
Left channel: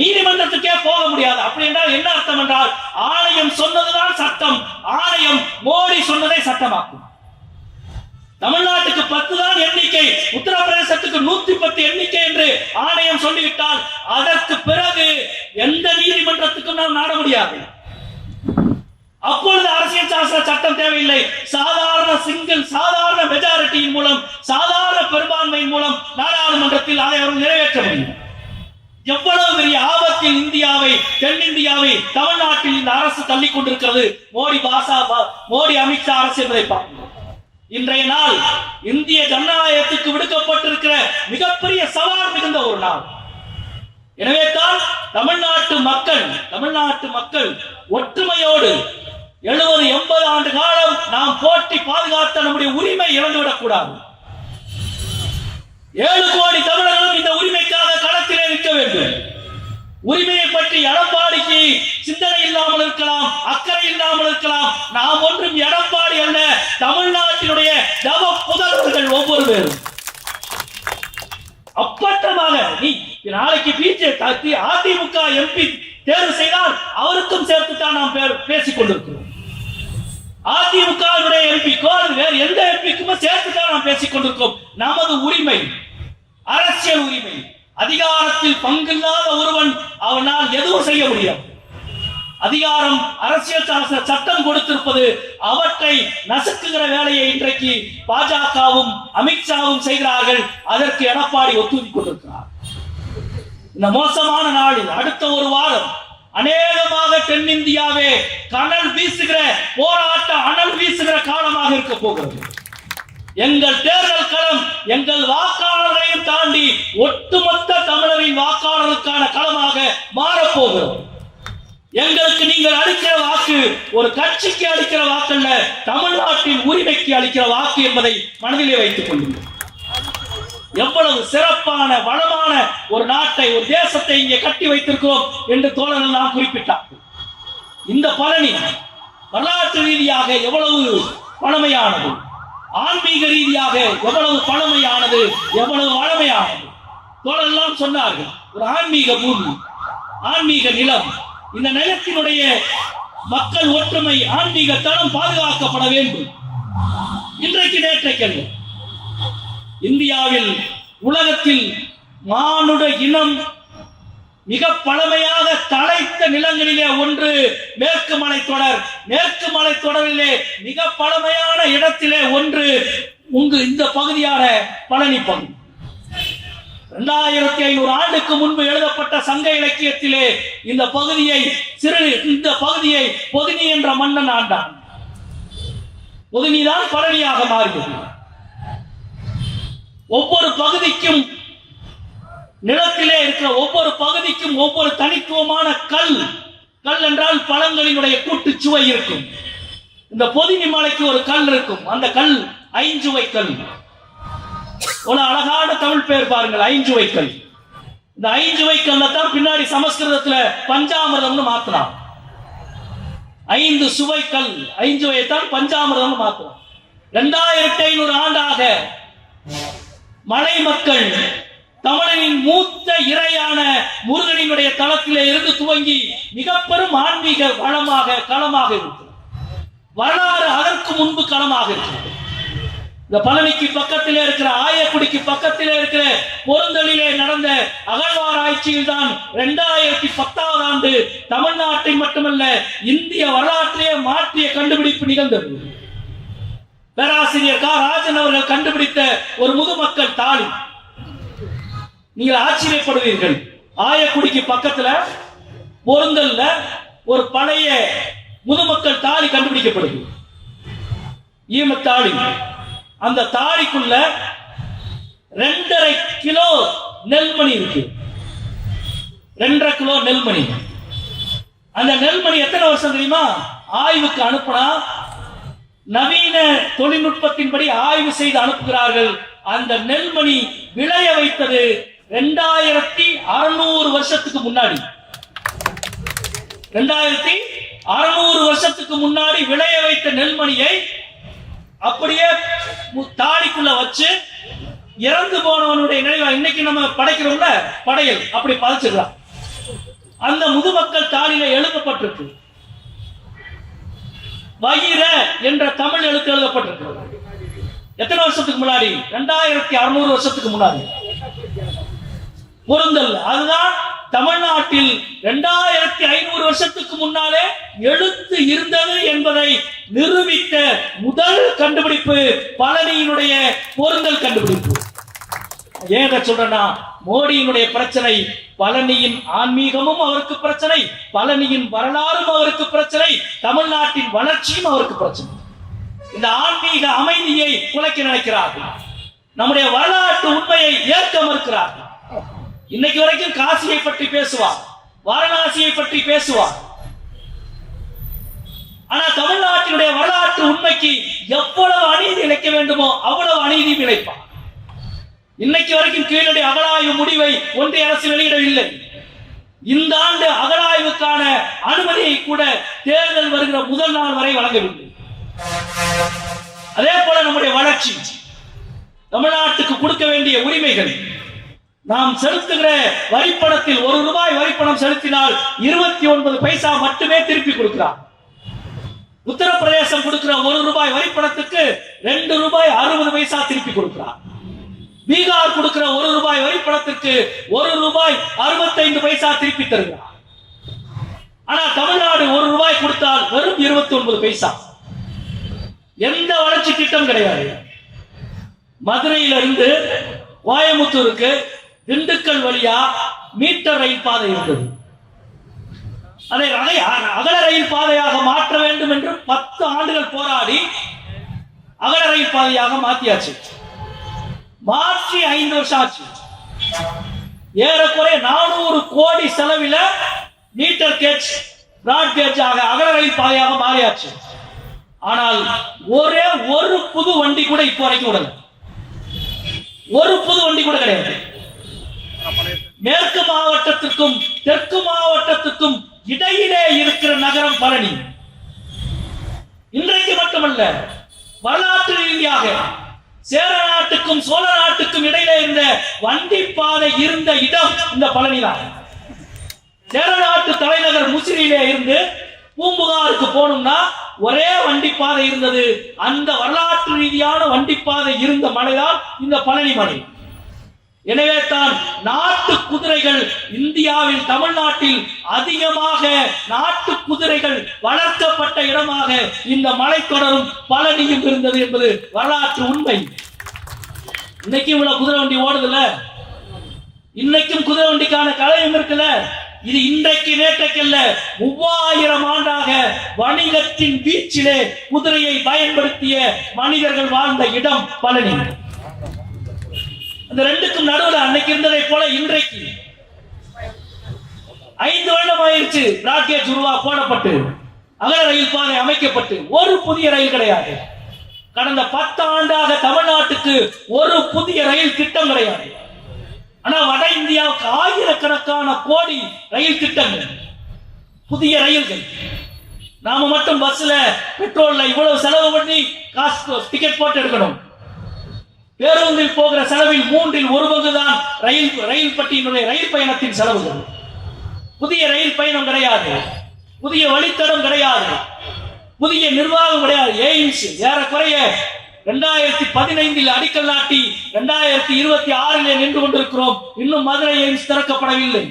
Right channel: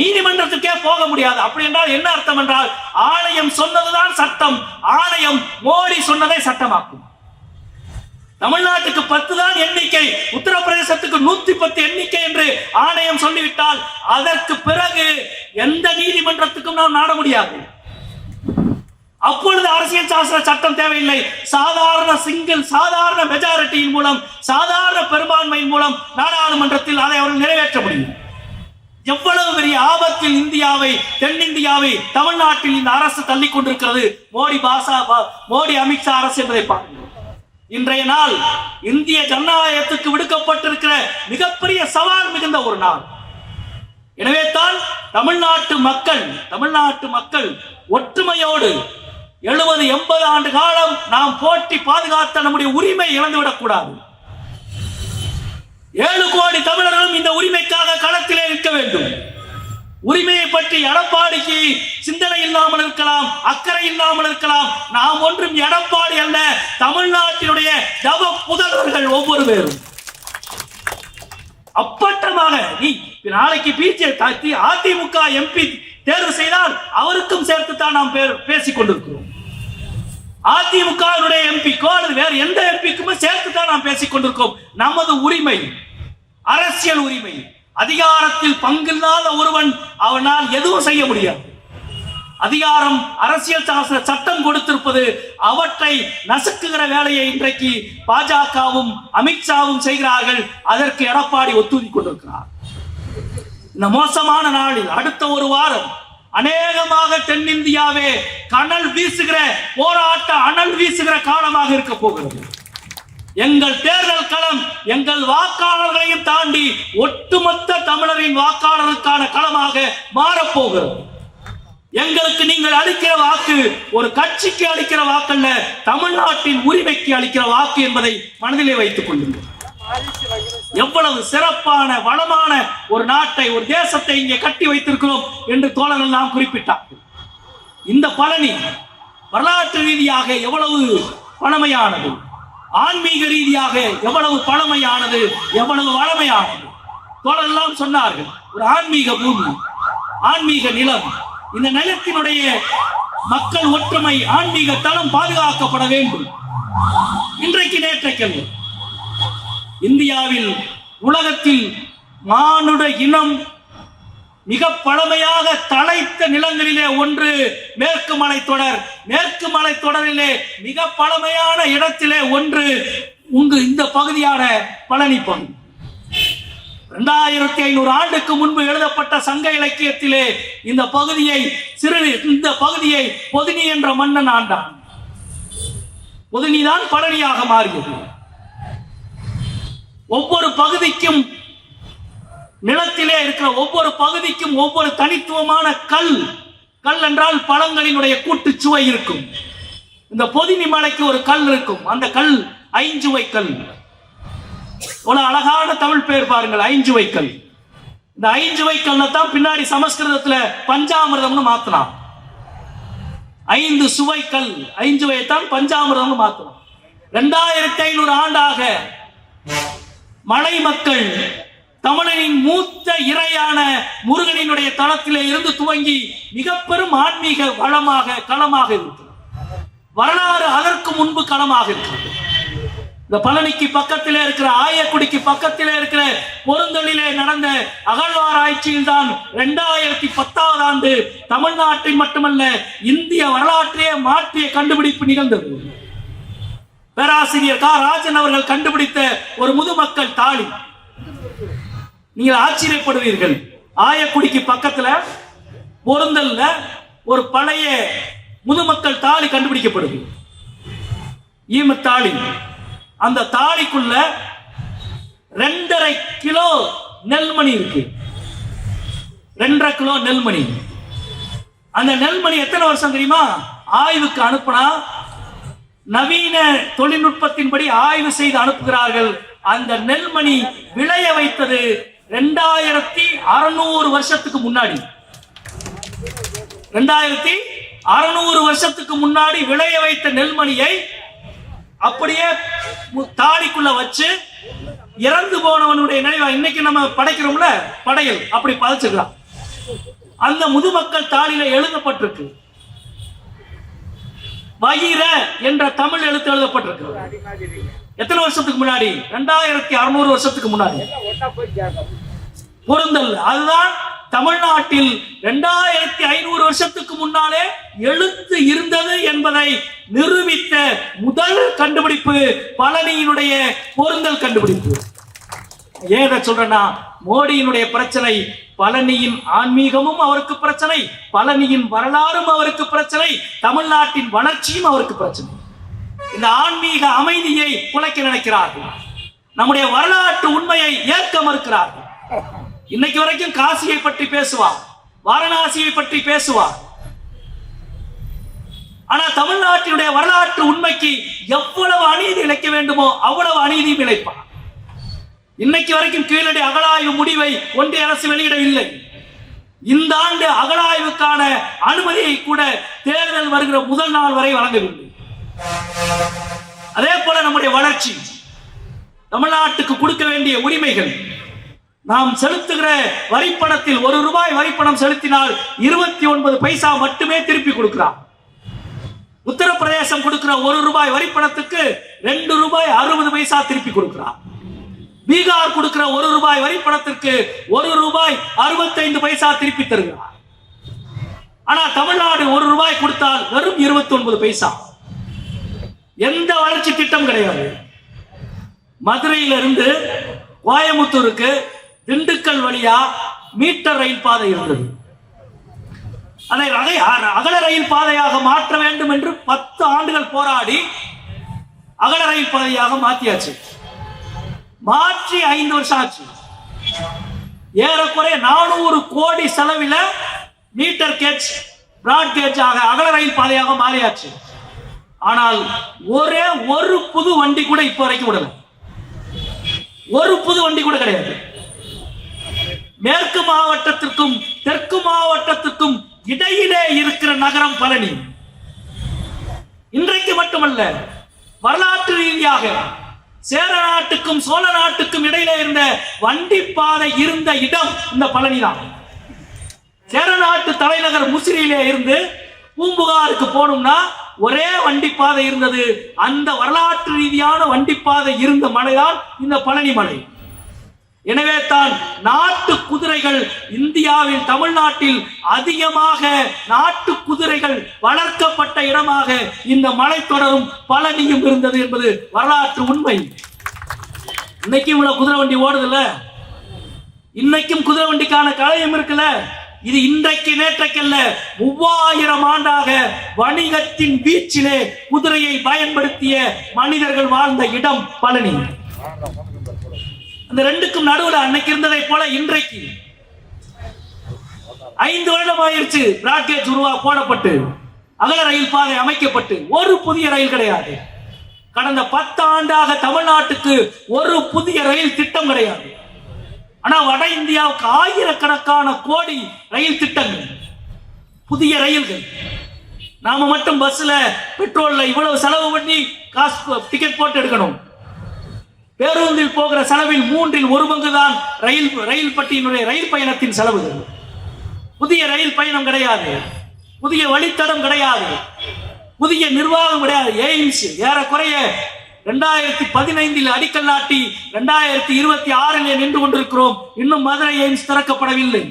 நீதிமன்றத்துக்கே போக முடியாது. அப்படி என்றால் என்ன அர்த்தம் என்றால், ஆணையம் சொன்னதுதான் சட்டம், ஆணையம் மோடி சொன்னதை சட்டமாக்கும். தமிழ்நாட்டுக்கு 10 தான் எண்ணிக்கை, உத்தரப்பிரதேசத்துக்கு 110 எண்ணிக்கை என்று ஆணையம் சொல்லிவிட்டால் அதற்கு பிறகு எந்த நீதிமன்றத்துக்கும் நாம் நாட முடியாது. அப்பொழுது அரசியல் சாசன சட்டம் தேவையில்லை. சாதாரண மெஜாரிட்டியின் மூலம், சாதாரண பெரும்பான்மையின் மூலம் நாடாளுமன்றத்தில் அதை அவர்கள் நிறைவேற்ற முடியும். எவ்வளவு பெரிய ஆபத்தில் இந்தியாவை, தென்னிந்தியாவை, தமிழ்நாட்டில் இந்த அரசு தள்ளிக் கொண்டிருக்கிறது. மோடி அமித்ஷா அரசு என்பதை பார்க்கிறோம். இன்றைய நாள் இந்திய ஜனநாயகத்துக்கு விடுக்கப்பட்டிருக்கிற மிகப்பெரிய சவால் மிகுந்த ஒரு நாள். எனவே தான் தமிழ்நாட்டு மக்கள் ஒற்றுமையோடு 70-80 ஆண்டு காலம் நாம் போற்றி பாதுகாத்த நம்முடைய உரிமை இழந்துவிடக் கூடாது. 7 கோடி தமிழர்களும் இந்த உரிமைக்காக களத்திலே நிற்க வேண்டும். உரிமையை பற்றி எடப்பாடிக்கு சிந்தனை இல்லாமல் இருக்கலாம், அக்கறை இல்லாமல் இருக்கலாம். நாம் ஒன்றும் எடப்பாடி அல்ல, தமிழ்நாட்டினுடைய தவ புதல்வர்கள் ஒவ்வொரு பேரும். அப்பட்டமாக நீ நாளைக்கு பிஜேபி அதிமுக எம்பி தேர்வு செய்தால் அவருக்கும் சேர்த்துத்தான் நாம் பேசிக் கொண்டிருக்கிறோம். அதிமுக எம்பி வேறு எந்த எம்பிக்குமே சேர்த்துத்தான் நாம் பேசிக் கொண்டிருக்கிறோம். நமது உரிமை, அரசியல் உரிமை, அதிகாரத்தில் பங்கில்லாத ஒருவன் அவனால் எதுவும் செய்ய முடியாது. அதிகாரம் அரசியல் சட்டம் கொடுத்திருப்பது, அவற்றை நசுக்குகிற வேலையை இன்றைக்கு பாஜகவும் அமித்ஷாவும் செய்கிறார்கள். அதற்கு எடப்பாடி ஒத்துழைத்துக் கொண்டிருக்கிறார். இந்த மோசமான நாளில் அடுத்த ஒரு வாரம் அநேகமாக தென்னிந்தியாவே அனல் வீசுகிற காலமாக இருக்க போகிறது. எங்கள் தேர்தல் களம் எங்கள் வாக்காளர்களையும் தாண்டி ஒட்டுமொத்த தமிழரின் வாக்காளருக்கான களமாக மாறப்போகிறது. எங்களுக்கு நீங்கள் அளிக்கிற வாக்கு ஒரு கட்சிக்கு அளிக்கிற வாக்கல்ல, தமிழ்நாட்டின் உரிமைக்கு அளிக்கிற வாக்கு என்பதை மனதிலே வைத்துக் கொள்ளுங்கள். எவ்வளவு சிறப்பான வளமான ஒரு நாட்டை, ஒரு தேசத்தை இங்கே கட்டி வைத்திருக்கிறோம் என்று தோழர்கள் நாம் குறிப்பிட்டார். இந்த பழனி வரலாற்று ரீதியாக எவ்வளவு பழமையானது, ஆன்மீக ரீதியாக எவ்வளவு பழமையானது, எவ்வளவு வளமையானது. தோழர்கள் சொன்னார்கள், ஒரு ஆன்மீக பூமி, ஆன்மீக நிலம். இந்த நிலத்தினுடைய மக்கள் ஒற்றுமை, ஆன்மீக தளம் பாதுகாக்கப்பட வேண்டும். இன்றைக்கு நேற்றைக்கு இந்தியாவில், உலகத்தில் மானுட இனம் மிக பழமையாக தலைத்த நிலங்களிலே ஒன்று மேற்கு மலைத்தொடர். மேற்கு மலைத்தொடரிலே மிக பழமையான இடத்திலே ஒன்று இந்த பகுதியான பழனி பகுதி. 2500 ஆண்டுக்கு முன்பு எழுதப்பட்ட சங்க இலக்கியத்திலே இந்த பகுதியை பொதினி என்ற மன்னன் ஆண்டான். பொதினிதான் பழனியாக மாறியது. ஒவ்வொரு பகுதிக்கும், நிலத்திலே இருக்கிற ஒவ்வொரு பகுதிக்கும் ஒவ்வொரு தனித்துவமான கல் என்றால் பழங்களினுடைய கூட்டு சுவை இருக்கும். இந்த பொதினி மலைக்கு ஒரு கல் இருக்கும். அந்த கல் ஐஞ்சுவை கல். ஒரு அழகான தமிழ் பெயர் பாருங்கள், ஐஞ்சுவை கல். இந்த ஐஞ்சுவை கல்லை தான் பின்னாடி சமஸ்கிருதத்துல பஞ்சாமிர்தம்னு மாத்தலாம். 5 சுவை கல், ஐஞ்சுவை தான் பஞ்சாமிர்தம்னு மாத்தலாம். 2500 ஆண்டாக மலை மக்கள் தமிழனின் மூத்த இறையான முருகனினுடைய தளத்திலே இருந்து துவங்கி மிக பெரும் ஆன்மீக களமாக இருக்கிறது. வரலாறு அதற்கு முன்பு களமாக இருக்கிறது. இந்த பழனிக்கு பக்கத்திலே இருக்கிற ஆயக்குடிக்கு பக்கத்திலே இருக்கிற பொருந்தலிலே நடந்த அகழ்வாராய்ச்சியில் தான் 2010 ஆண்டு தமிழ்நாட்டில் மட்டுமல்ல இந்திய வரலாற்றையே மாற்றிய கண்டுபிடிப்பு நிகழ்ந்தது. பேராசிரியர் ராஜன் அவர்கள் கண்டுபிடித்த ஒரு முதுமக்கள் தாலி. நீங்கள் ஆச்சரியப்படுவீர்கள். ஆயக்குடிக்கு பக்கத்துல பொருந்தல்ல ஒரு பழைய முதுமக்கள் தாலி கண்டுபிடிக்கப்படுது. ஈமத்தாளி. அந்த தாலிக்குள்ள 2.5 கிலோ நெல்மணி இருக்கு. 2.5 கிலோ நெல்மணி. அந்த நெல்மணி எத்தனை வருஷம் தெரியுமா? ஆய்வுக்கு அனுப்பினா நவீன தொழில்நுட்பத்தின்படி ஆய்வு செய்து அனுப்புகிறார்கள். அந்த நெல்மணி விளைய வைத்தது 2600 வருஷத்துக்கு முன்னாடி. 2600 வருஷத்துக்கு முன்னாடி விளைய வைத்த நெல்மணியை அப்படியே தாலிக்குள்ள வச்சு இறந்து போனவனுடைய நினைவா இன்னைக்கு நம்ம படைக்கிறோம்ல படையல், அப்படி பதைச்சுக்கலாம். அந்த முதுமக்கள் தாலியில எழுதப்பட்டிருக்கு. வயிற என்ற தமிழ் எழுத்து எழுதப்பட்டிருக்கு. எத்தனை வருஷத்துக்கு முன்னாடி? 2600 வருஷத்துக்கு முன்னாடி. பொருந்தல். அதுதான் தமிழ்நாட்டில் 2500 வருஷத்துக்கு முன்னாலே எழுத்து இருந்தது என்பதை நிரூபித்த முதல் கண்டுபிடிப்பு பழனியினுடைய பொருந்தல் கண்டுபிடிப்பு. ஏன் சொல்றேன்னா, மோடியினுடைய பிரச்சனை பழனியின் ஆன்மீகமும் அவருக்கு பிரச்சனை, பழனியின் வரலாறும் அவருக்கு பிரச்சனை, தமிழ்நாட்டின் வளர்ச்சியும் அவருக்கு பிரச்சனை. இந்த ஆன்மீக அமைதியை குலைக்க நினைக்கிறார்கள். நம்முடைய வரலாற்று உண்மையை ஏற்க மறுக்கிறார்கள். இன்னைக்கு வரைக்கும் காசியை பற்றி பேசுவார், வாரணாசியை பற்றி பேசுவார். ஆனா தமிழ்நாட்டினுடைய வரலாற்று உண்மைக்கு எவ்வளவு அநீதி இழைக்க வேண்டுமோ அவ்வளவு அநீதியும் இழைப்பார். இன்னைக்கு வரைக்கும் கீழடி அகழாய்வு முடிவை ஒன்றிய அரசு வெளியிடவில்லை. இந்த ஆண்டு அகழாய்வுக்கான அனுமதியை கூட தேர்தல் வருகிற முதல் நாள் வரை வழங்கவில்லை. அதே போல நம்முடைய வளர்ச்சி, தமிழ்நாட்டுக்கு கொடுக்க வேண்டிய உரிமைகள், நாம் செலுத்துகிற வரிப்பணத்தில் 1 ரூபாய் வரிப்பணம் செலுத்தினால் 29 பைசா மட்டுமே திருப்பி கொடுக்கிறார். உத்தரப்பிரதேசம் கொடுக்கிற 1 ரூபாய் வரிப்பணத்துக்கு 2 ரூபாய் 60 பைசா திருப்பி கொடுக்கிறார். பீகார் கொடுக்கிற 1 ரூபாய் வரிப்பணத்திற்கு 1 ரூபாய் 65 பைசா திருப்பி தருகிறார். ஆனா தமிழ்நாடு 1 ரூபாய் கொடுத்தால் வெறும் 29 பைசா. எந்த வளர்ச்சி திட்டம் கிடையாது. மதுரையிலிருந்து கோயமுத்தூருக்கு திண்டுக்கல் வழியா மீட்டர் ரயில் பாதை இருந்தது. அதை அகல ரயில் பாதையாக மாற்ற வேண்டும் என்று 10 ஆண்டுகள் போராடி அகல ரயில் பாதையாக மாற்றியாச்சு. மாற்றி 5 வருஷம் ஆச்சு. ஏறக்குறைய 400 கோடி செலவில் மீட்டர் கேஜ் பிராட் கேஜ் ஆக அகல ரயில் பாதையாக மாறியாச்சு. ஆனால் ஒரே ஒரு புது வண்டி கூட இப்ப வரைக்கும் விடல. ஒரு புது வண்டி கூட கிடையாது. மேற்கு மாவட்டத்திற்கும் தெற்கு மாவட்டத்திற்கும் இடையிலே இருக்கிற நகரம் பழனி. இன்றைக்கு மட்டுமல்ல, வரலாற்று ரீதியாக சேர நாட்டுக்கும் சோழ நாட்டுக்கும் இடையிலே இருந்த வண்டி பாதை இருந்த இடம் இந்த பழனி தான். சேர நாட்டு தலைநகர் முசிறியிலே இருந்து பூம்புகாருக்கு போகணும்னா ஒரே வண்டி பாதை இருந்தது. அந்த வரலாற்று ரீதியான வண்டி பாதை இருந்த மலைதான் இந்த பழனி மலை. எனவே தான் நாட்டு குதிரைகள் இந்தியாவில் தமிழ்நாட்டில் அதிகமாக நாட்டு குதிரைகள் வளர்க்கப்பட்ட இடமாக இந்த மலைத்தொடரும் பழனியும் இருந்தது என்பது வரலாற்று உண்மை. இன்னைக்கும் இவ்வளவு குதிரை வண்டி ஓடுதுல, இன்னைக்கும் குதிரை வண்டிக்கான கலையும் இருக்குல்ல. இது இன்றைக்கு நேற்றைக்கல்ல, 3000 ஆண்டாக வணிகத்தின் வீச்சிலே குதிரையை பயன்படுத்திய மனிதர்கள் வாழ்ந்த இடம் பழனி. அந்த ரெண்டுக்கும் நடுவில் அன்னைக்கு இருந்ததை போல இன்றைக்கு 5 வருடம் ஆயிடுச்சு. ராக்கெட் போடப்பட்டு அகல ரயில் பாதை அமைக்கப்பட்டு ஒரு புதிய ரயில் கிடையாது. கடந்த 10 ஆண்டாக தமிழ்நாட்டுக்கு ஒரு புதிய ரயில் திட்டம் கிடையாது. ஆனா வட இந்தியாவுக்கு ஆயிரக்கணக்கான கோடி ரயில் திட்டங்கள், புதிய ரயில்கள். நாம மட்டும் பஸ்ல பெட்ரோல்ல இவ்வளவு செலவு பண்ணி காசு டிக்கெட் போட்டு எடுக்கணும். பேருந்தில் போகிற செலவில் 1/3 தான் ரயில் பட்டியினுடைய ரயில் பயணத்தின் செலவுகள். புதிய ரயில் பயணம் கிடையாது, புதிய வழித்தடம் கிடையாது, புதிய நிர்வாகம் கிடையாது. எய்ம்ஸ் ஏறக்குறைய 2015 அடிக்கல் நாட்டி 2026 நின்று கொண்டிருக்கிறோம். இன்னும் மதுரை எய்ம்ஸ் திறக்கப்படவில்லை.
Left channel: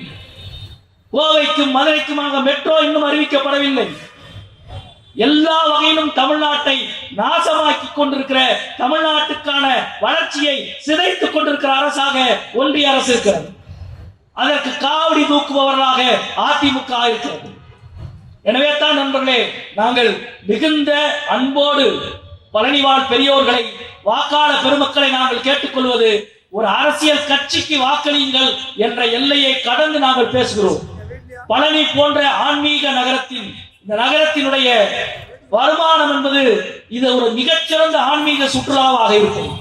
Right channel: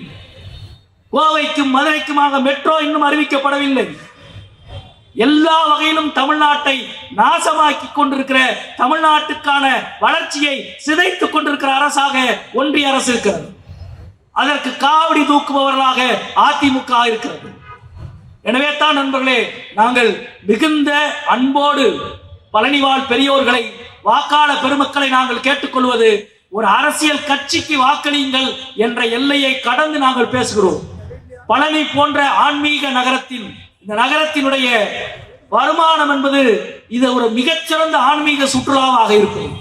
கோவைக்கும் மதுரைக்குமாக மெட்ரோ இன்னும் அறிவிக்கப்படவில்லை. எல்லா வகையிலும் தமிழ்நாட்டை நாசமாக்கி கொண்டிருக்கிற, தமிழ்நாட்டுக்கான வளர்ச்சியை சிதைத்துக் கொண்டிருக்கிற அரசாக ஒன்றிய அரசு இருக்கிறது. அதற்கு காவடி தூக்குபவர்களாக அதிமுக இருக்கிறது. எனவே தான் நண்பர்களே, நாங்கள் மிகுந்த அன்போடு பழனிவாழ் பெரியோர்களை, வாக்காளர் பெருமக்களை நாங்கள் கேட்டுக்கொள்வது, ஒரு அரசியல் கட்சிக்கு வாக்களியுங்கள் என்ற எல்லையை கடந்து நாங்கள் பேசுகிறோம். பழனி போன்ற ஆன்மீக நகரத்தில், இந்த நகரத்தினுடைய வருமானம் என்பது இது ஒரு மிகச்சிறந்த ஆன்மீக சுற்றுலாவாக இருக்கும்.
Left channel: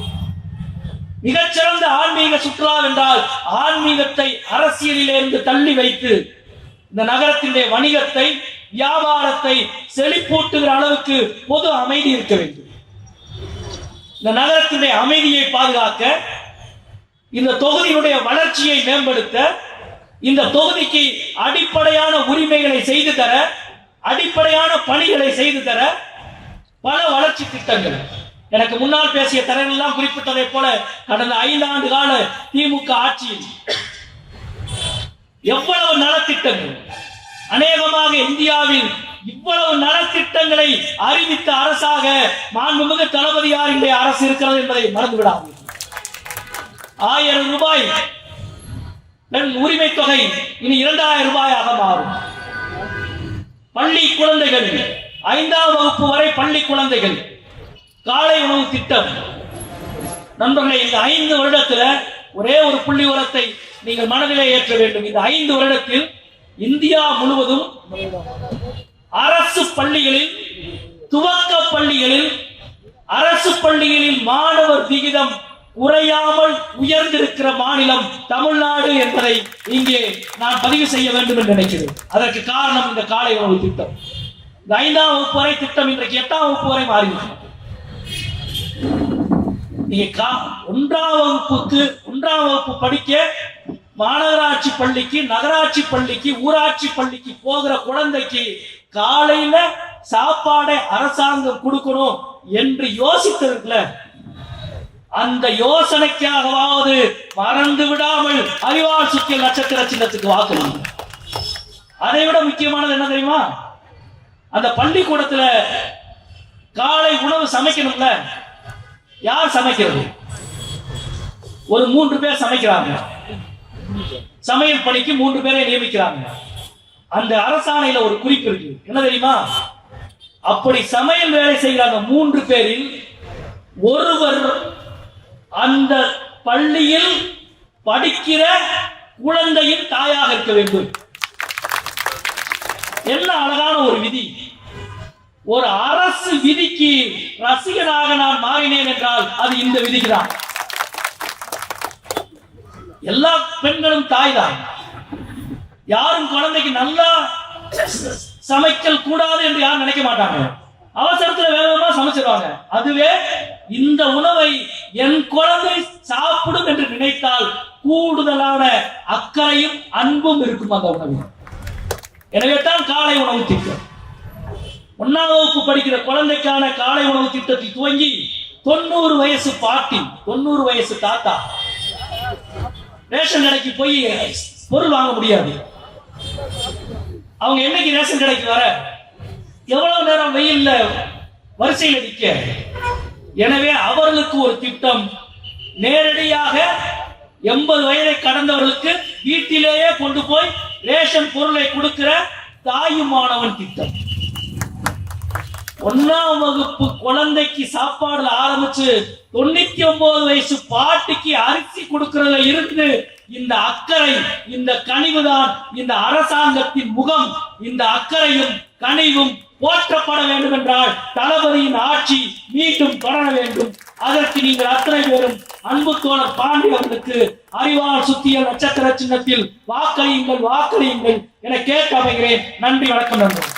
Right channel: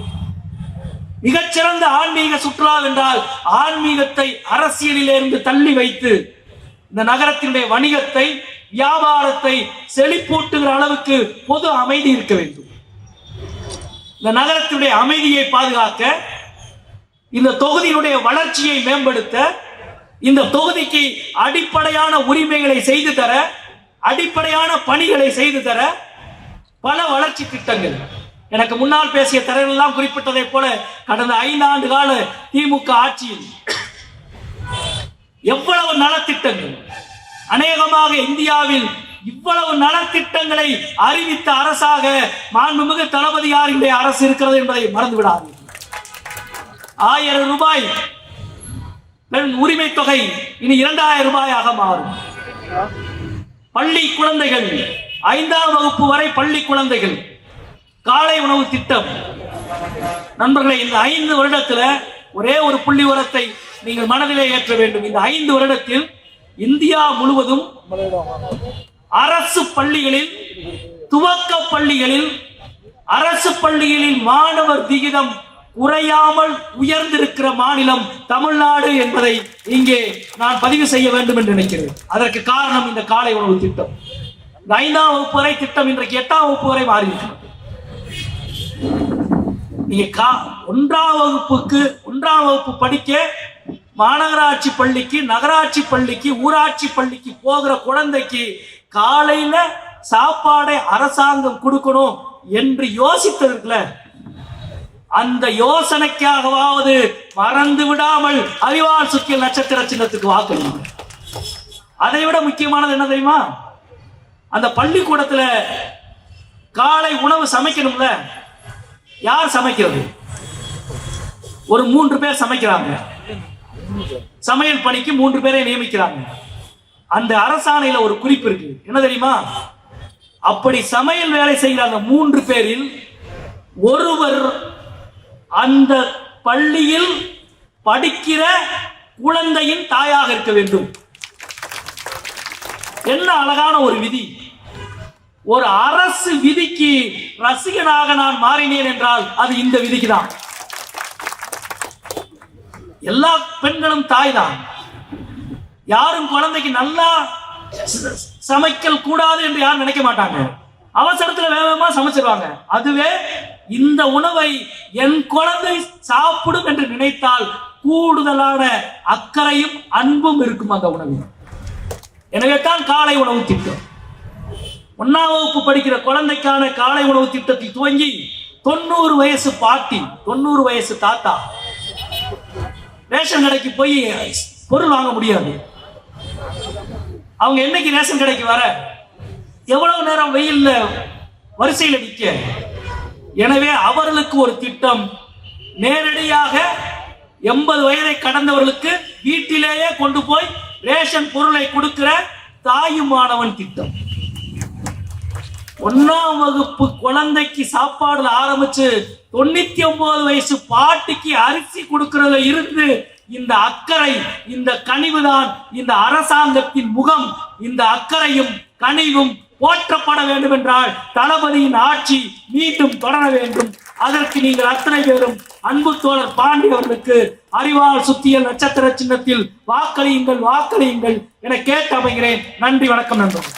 மிகச்சிறந்த ஆன்மீக சுற்றுலா என்றால் ஆன்மீகத்தை அரசியலிலிருந்து தள்ளி வைத்து இந்த நகரத்தினுடைய வணிகத்தை, வியாபாரத்தை செழிப்பூட்டுகிற அளவுக்கு பொது அமைதி இருக்க வேண்டும். இந்த நகரத்தினுடைய அமைதியை பாதுகாக்க, இந்த தொகுதியினுடைய வளர்ச்சியை மேம்படுத்த, இந்த தொகுதிக்கு அடிப்படையான உரிமைகளை செய்து தர, அடிப்படையான பணிகளை செய்து தர பல வளர்ச்சி திட்டங்கள். எனக்கு முன்னால் பேசிய தலைவர்கள் எல்லாம் குறிப்பிட்டதை போல கடந்த 5 ஆண்டு கால திமுக ஆட்சியில் எவ்வளவு நலத்திட்டங்கள், அநேகமாக இந்தியாவில் இவ்வளவு நலத்திட்டங்களை அறிவித்த அரசாக மாண்புமிகு தளபதியார் இன்றைய அரசு இருக்கிறது என்பதை மறந்துவிடாதீர்கள். 1000 ரூபாய் பெண் உரிமை தொகை இனி 2000 ரூபாயாக மாறும். பள்ளி குழந்தைகள், 5ஆம் வகுப்பு வரை பள்ளி குழந்தைகள் காலை உணவு திட்டம். நண்பர்களே, இந்த 5 வருடத்தில் ஒரே ஒரு புள்ளி உரத்தை நீங்கள் மனதிலே ஏற்ற வேண்டும். இந்த 5 வருடத்தில் இந்தியா முழுவதும் அரசு பள்ளிகளில், துவக்க பள்ளிகளில், அரசு பள்ளிகளில் மாணவர் விகிதம் குறையாமல் உயர்ந்திருக்கிற மாநிலம் தமிழ்நாடு என்பதை இங்கே நான் பதிவு செய்ய வேண்டும் என்று நினைக்கிறேன். அதற்கு காரணம் இந்த காலை உணவு திட்டம். இந்த 5ஆம் வகுப்பு வரை திட்டம் இன்றைக்கு 8ஆம் வகுப்பு வரை மாறியிருக்கிறது. நீங்க 1ஆம் வகுப்பு படிக்க மாநகராட்சி பள்ளிக்கு, நகராட்சி பள்ளிக்கு, ஊராட்சி பள்ளிக்கு போகிற குழந்தைக்கு காலையில சாப்பாடை அரசாங்கம் கொடுக்கணும் என்று யோசித்ததுல, அந்த யோசனைக்காகவாவது மறந்து விடாமல் அறிவால் சுற்றிய நட்சத்திர சின்னத்துக்கு வாக்களிங்க. அதை விட முக்கியமானது என்ன தெரியுமா? அந்த பள்ளிக்கூடத்துல காலை உணவு சமைக்கணும்ல, யார் சமைக்கிறது? ஒரு 3 பேர் சமைக்கிறாங்க. சமையல் பணிக்கு 3 பேரை நியமிக்கிறாங்க. அந்த அரசாணையில ஒரு குறிப்பு இருக்கு, என்ன தெரியுமா? அப்படி சமையல் வேலை செய்கிற அந்த 3 பேரில் ஒருவர் அந்த பள்ளியில் படிக்கிற குழந்தையின் தாயாக இருக்க வேண்டும். என்ன அழகான ஒரு விதி! ஒரு அரசு விதிக்கு ரசிகனாக நான் மாறினேன் என்றால் அது இந்த விதிக்கு தான். எல்லா பெண்களும் தாய் தான். யாரும் குழந்தைக்கு நல்லா சமைக்கல் கூடாது என்று யாரும் நினைக்க மாட்டாங்க. அவசரத்துல வேகமா சமைச்சிருவாங்க. அதுவே இந்த உணவை என் குழந்தை சாப்பிடும் என்று நினைத்தால் கூடுதலான அக்கறையும் அன்பும் இருக்கும் அந்த உணவில். எனவே தான் காலை உணவு திட்டம். 1ஆம் வகுப்பு படிக்கிற குழந்தைக்கான காலை உணவு திட்டத்தை துவங்கி 90 வயசு பாட்டி, 90 வயசு தாத்தா ரேஷன் கடைக்கு போய் பொருள் வாங்க முடியாது. அவங்க என்னைக்கு ரேஷன் கடைக்கு வர, எவ்வளவு நேரம் வெயில்ல வரிசையில் நிற்க. எனவே அவர்களுக்கு ஒரு திட்டம். நேரடியாக 80 வயதை கடந்தவர்களுக்கு வீட்டிலேயே கொண்டு போய் ரேஷன் பொருளை கொடுக்கிற தாயுமானவன் திட்டம். 1ஆம் வகுப்பு குழந்தைக்கு சாப்பாடு ஆரம்பிச்சு 99 வயசு பாட்டிக்கு அரிசி கொடுக்கிறதுல இருந்து இந்த அக்கறை, இந்த கனிவுதான் இந்த அரசாங்கத்தின் முகம். இந்த அக்கறையும் கனிவும் போற்றப்பட வேண்டும் என்றால் தளபதியின் ஆட்சி மீண்டும் தொடர வேண்டும். அதற்கு நீங்கள் அத்தனை பேரும் அன்பு தோழர் பாண்டி அவர்களுக்கு அறிவால் சுத்திய நட்சத்திர சின்னத்தில் வாக்களியுங்கள், வாக்களியுங்கள் என கேட்டு அமைகிறேன். நன்றி, வணக்கம் நண்பர்கள்.